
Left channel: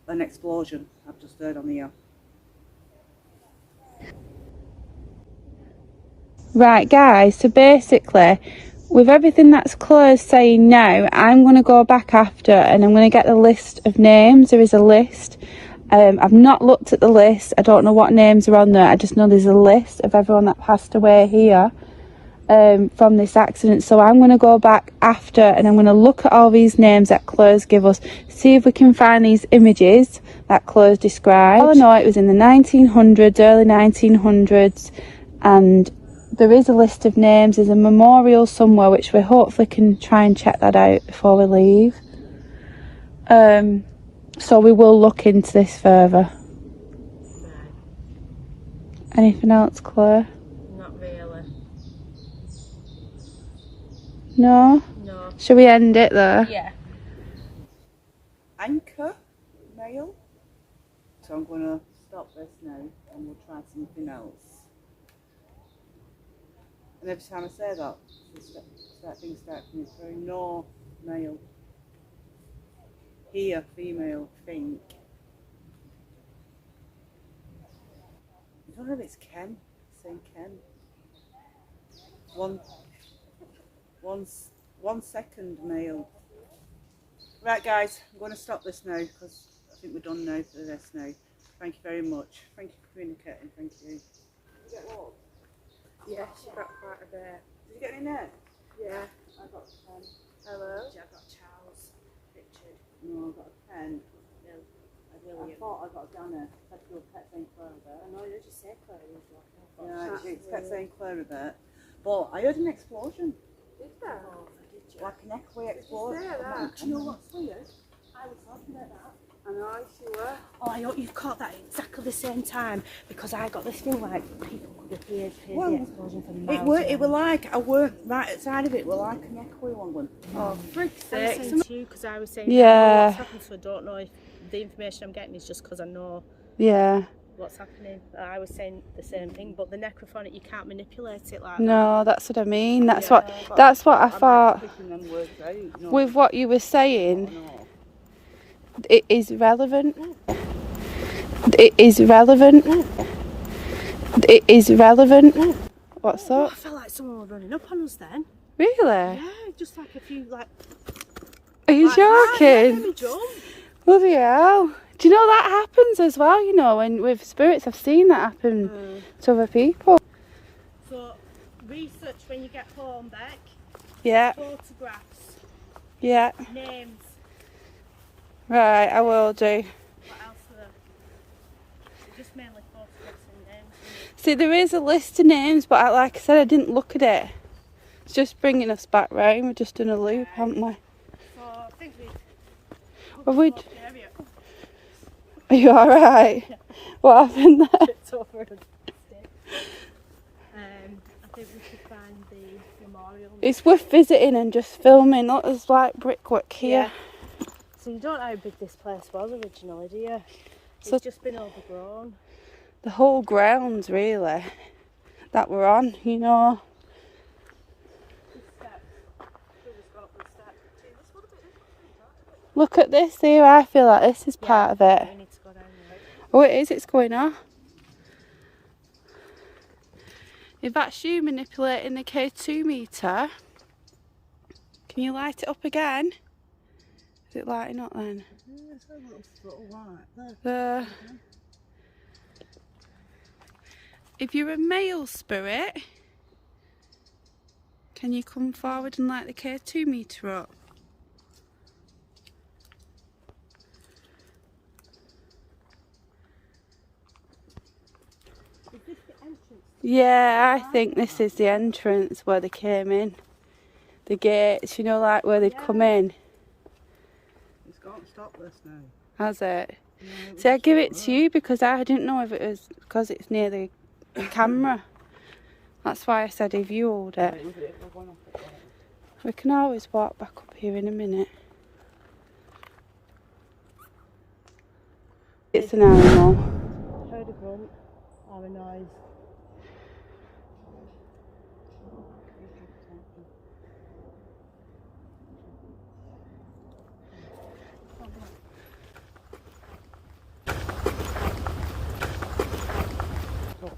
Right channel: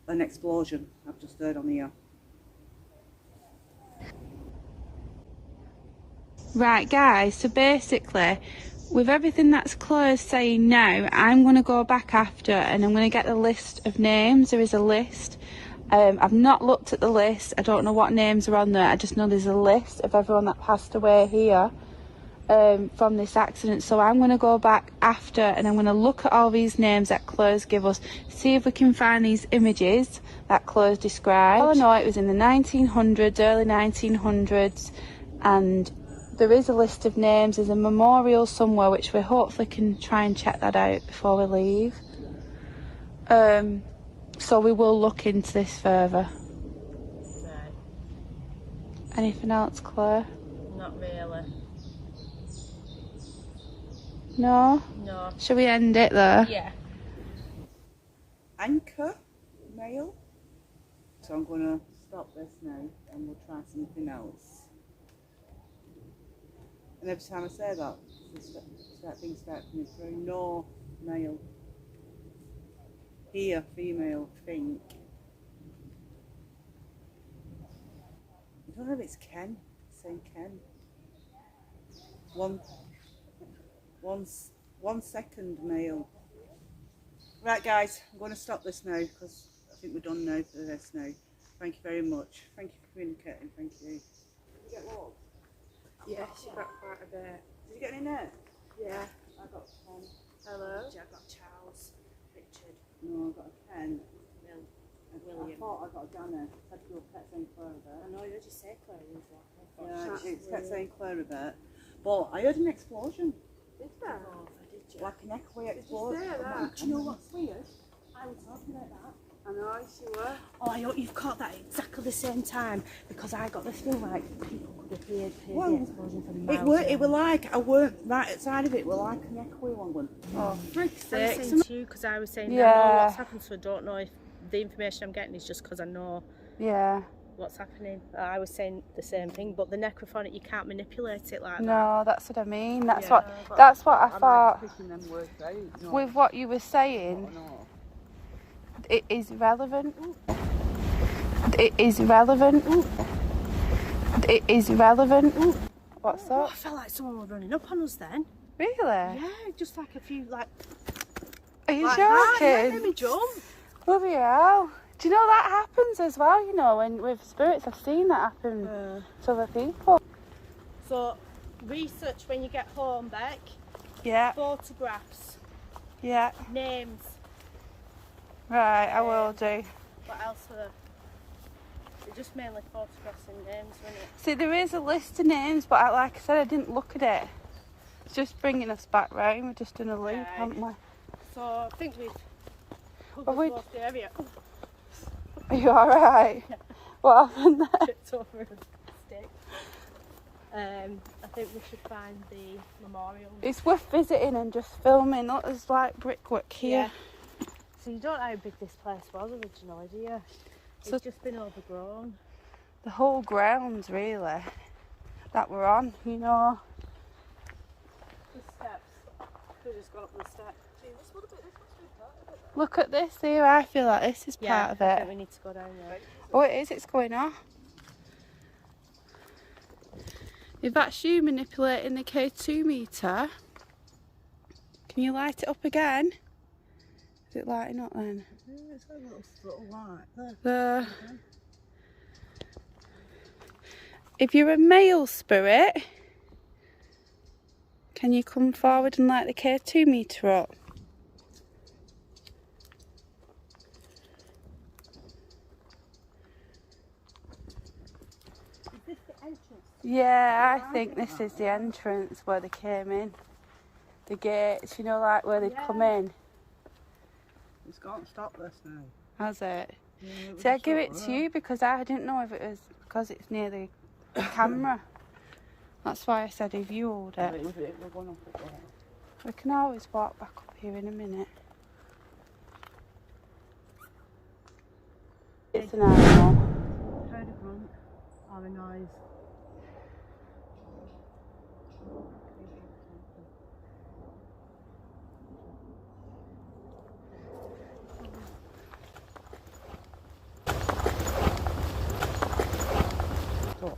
an explosion I've just heard on the air. Right, guys, so basically with everything that's Claire's saying now, I'm going to go back after and I'm going to get the list of names. There is a list. I've not looked at the list. I don't know what names are on there. I just know there's a list of everyone that passed away here from this accident. So I'm going to go back after and I'm going to look at all these names that Claire's give us, see if we can find these images that Claire's described. All I know, it was in the 1900s, early 1900s, and there is a list of names. There's a memorial somewhere which we hopefully can try and check that out before we leave. So we will look into this further. Right. Anything else, Claire? Not really. No? No. Shall we end it there? Yeah. Anchor male. So I'm going to stop this now and we'll try something else. And every time I say that, things start coming through. No male. Here, female, think. I don't know if it's Ken. It's saying Ken. One second male. Right, guys, I'm going to stop this now because I think we're done now for this now. Thank you very much. Thank you for communicating. Thank you. Did you get loads? Yeah, she got quite a bit. Did you get any net? Yeah. I got 10. Hello? I got Charles. Richard. No, I got a 10. Will. I thought I got a Dana. I had to go pet saying Clare a bit. I know you just say Clare was what I thought. Yeah, it's pet saying Clare a bit. But I heard an explosion. Did that? Oh, did you? Like an echoey explosion. Did you say that? Do you know what's weird? I was talking about that. I know, sure. Oh, I hope you've caught that at exactly the same time because I got this thing like people could hear Well, the explosion from miles It were away. like, I weren't right outside of it, were like an echoey one going, oh, frick's I was sake. saying to you because I was saying I Yeah. know what's happened, so I don't know if the information I'm getting is just because I know Yeah. what's happening. I was saying the same thing, but the necrophonic, you can't manipulate it like that. No, that's what I mean. That's Yeah. what I thought. Picking them words out. No, With what you were saying, no. it is relevant. It is relevant. It is relevant. What's Oh, I that? felt like someone was running up on us then. Really? Yeah, just like a few like. Are you like that. Yeah, it made joking? me jump. Bloody hell. Do you know that happens as well, you know, when with spirits? I've seen that happen to other people. So, research when you get home, Beck. Yeah, Photographs, yeah. names. Right, I will do. What else were there? They're just mainly photographs and names. Weren't it? See, there is a list of names, but like I said, I didn't look at it. It's just bringing us back round. We're just in a loop, haven't we? So I think we've Well, we'd- covered the area. Are you alright? What happened there? It's over a stick. I think we should find the memorial. It's worth visiting and just filming. Look, there's like brickwork here. So you don't know how big this place was originally, do you? It's So- just been overgrown. The whole grounds, really, that we're on, you know. These steps. We've just gone up the steps. Look at this here. I feel like this is part of We it. need to go down there. Oh, it is. It's going on. If that's you manipulating the K2 meter, can you light it up again? Is it lighting up then? Yeah, it's a little light there. The... If you're a male spirit, can you come forward and light the K2 meter up? Is this the entrance? Yeah, I think this is the entrance where they came in. The gates, you know, like where they've come in. It's got to stop this now. Has it? Yeah, it See, I was give stop it to there. you because I didn't know if it was because it's near the camera. That's why I said if you hold Yeah, it. look at it, we're going up there. We can always walk back up here in a minute. It's an animal. Heard a grunt or a noise.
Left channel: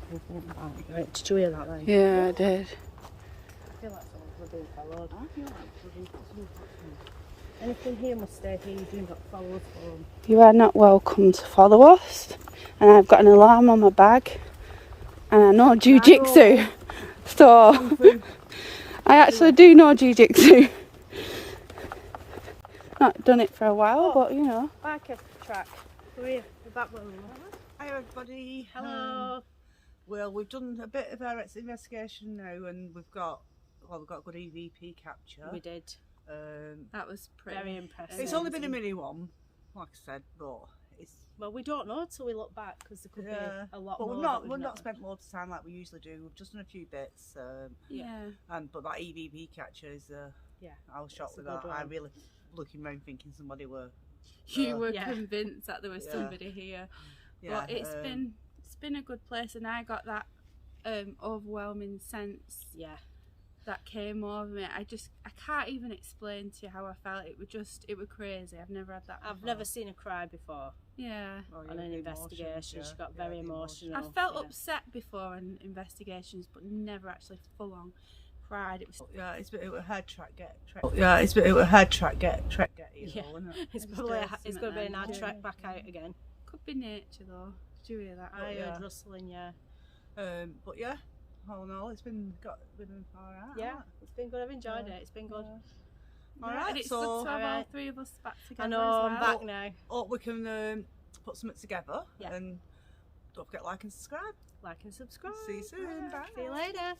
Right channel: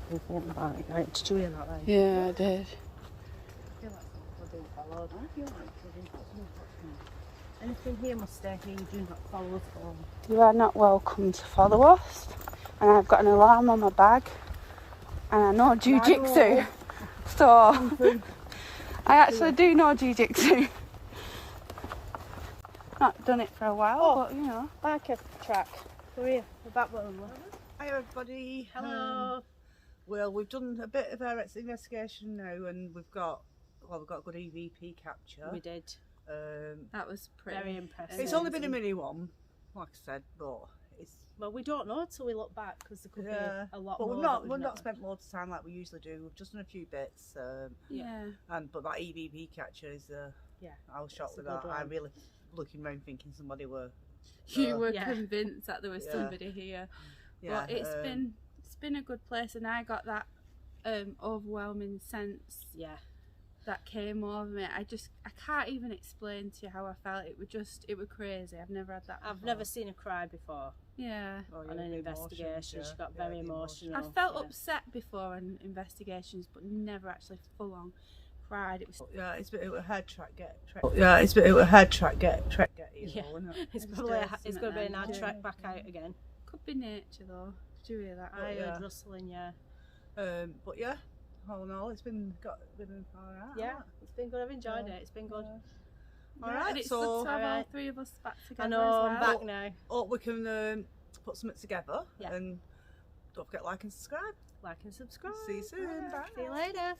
People on the back. Right, did you hear that then? Yeah, I did. I feel like someone being followed. Anything here must stay here. You do not follow us home. You are not welcome to follow us. And I've got an alarm on my bag. And I know jiu-jitsu. So, I actually do know jiu-jitsu. Not done it for a while, but you know. Biker track. We're here. We're back where we were. Hi everybody. Hello. Well, we've done a bit of our investigation now, and we've got a good EVP capture. We did. That was Very impressive. It's only been a mini one, like I said, but it's. Well, we don't know until we look back because there could be a lot but more. we've not spent loads of time like we usually do. We've just done a few bits. But that EVP catcher is. I was shocked with that. I really looking around thinking somebody were. You were convinced that there was somebody here. Yeah. But it's been a good place, and I got that overwhelming sense. Yeah. That came over me. I can't even explain to you how I felt. It was crazy. I've never had that before. I've never seen her cry before. Yeah. On an investigation, she got very emotional. I felt upset before on investigations, but never actually full on cried. It was. It's a bit of a hard track get. It's a bit of a hard track get. Isn't it? It's probably it's going to be an hard track back out again. Could be nature though. Do you hear that? I heard rustling. Yeah. But yeah. All in all, it's been alright. Yeah, it's been good. I've enjoyed it. It's been good. Alright, and it's good to have all three of us back together. I know, as well. I'm back now. Hope we can put something together, Yeah. and don't forget like and subscribe. Like and subscribe. See you soon. Bye. See you later.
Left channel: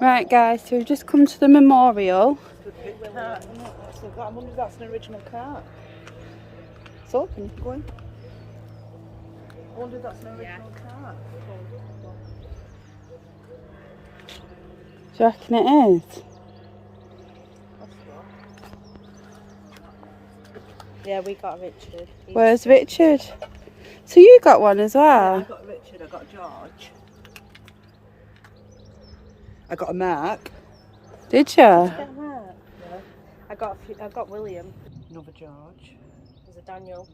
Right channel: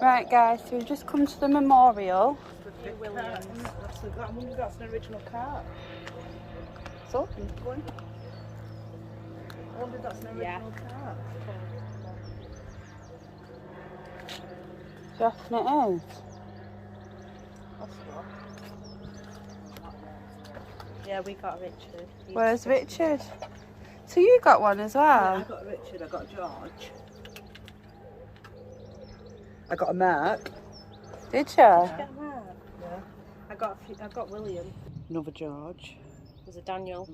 Right guys, so we've just come to the memorial. I wonder if that's an original car. So, I wonder if that's an original car. do you reckon it is? Yeah, we got Richard. Where's Richard? So you got one as Yeah, well? I got Richard, I got George. I got a Mark. Did you? Yeah. I got William. Another George. There's a Daniel.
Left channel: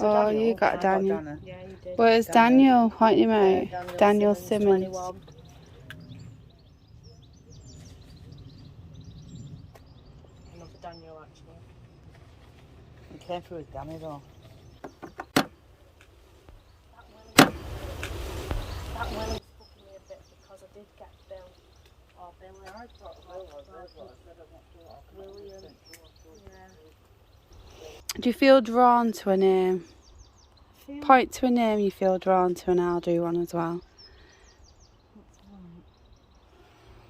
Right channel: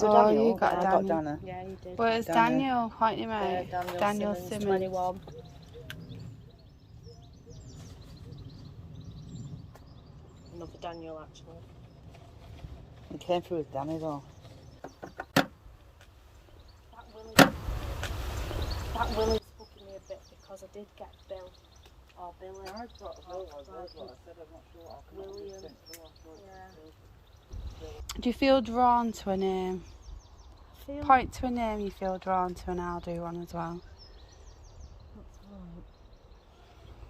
Oh, you got Daniel. Dana. Yeah, you did. Where's Daniel? Aren't you, mate? Daniel Simmons. 21. Another Daniel, actually. He came through with Danny though. That Willie's hooking me a bit because I did get Bill. Or Billy. William. Yeah. Do you feel drawn to a name? I feel Point to a name you feel drawn to, and I'll do one as well. that's alright.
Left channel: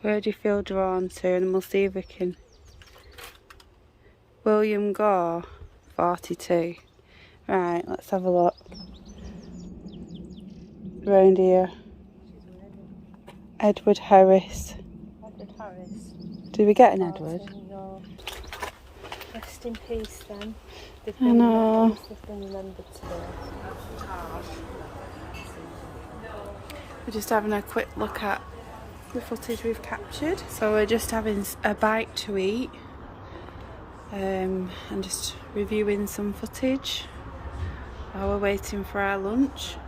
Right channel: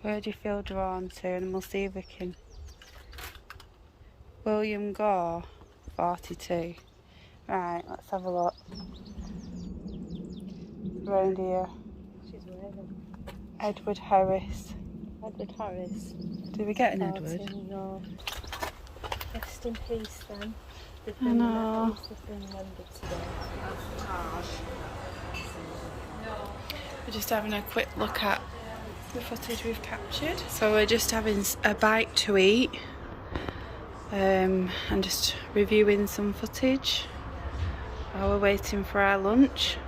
Where do you feel drawn to? And we'll see if we can. William Gore, 42. Right, let's have a look. Round here. She's waving. Edward Harris. Edward Harris. Did we get an Edward? 14, no. Rest in peace then. I know. We're just having a quick look at the footage we've captured. So we're just having a bite to eat and just reviewing some footage while we're waiting for our lunch.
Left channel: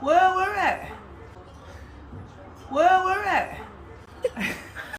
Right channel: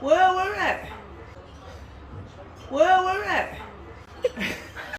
Where we're at? Where we're at?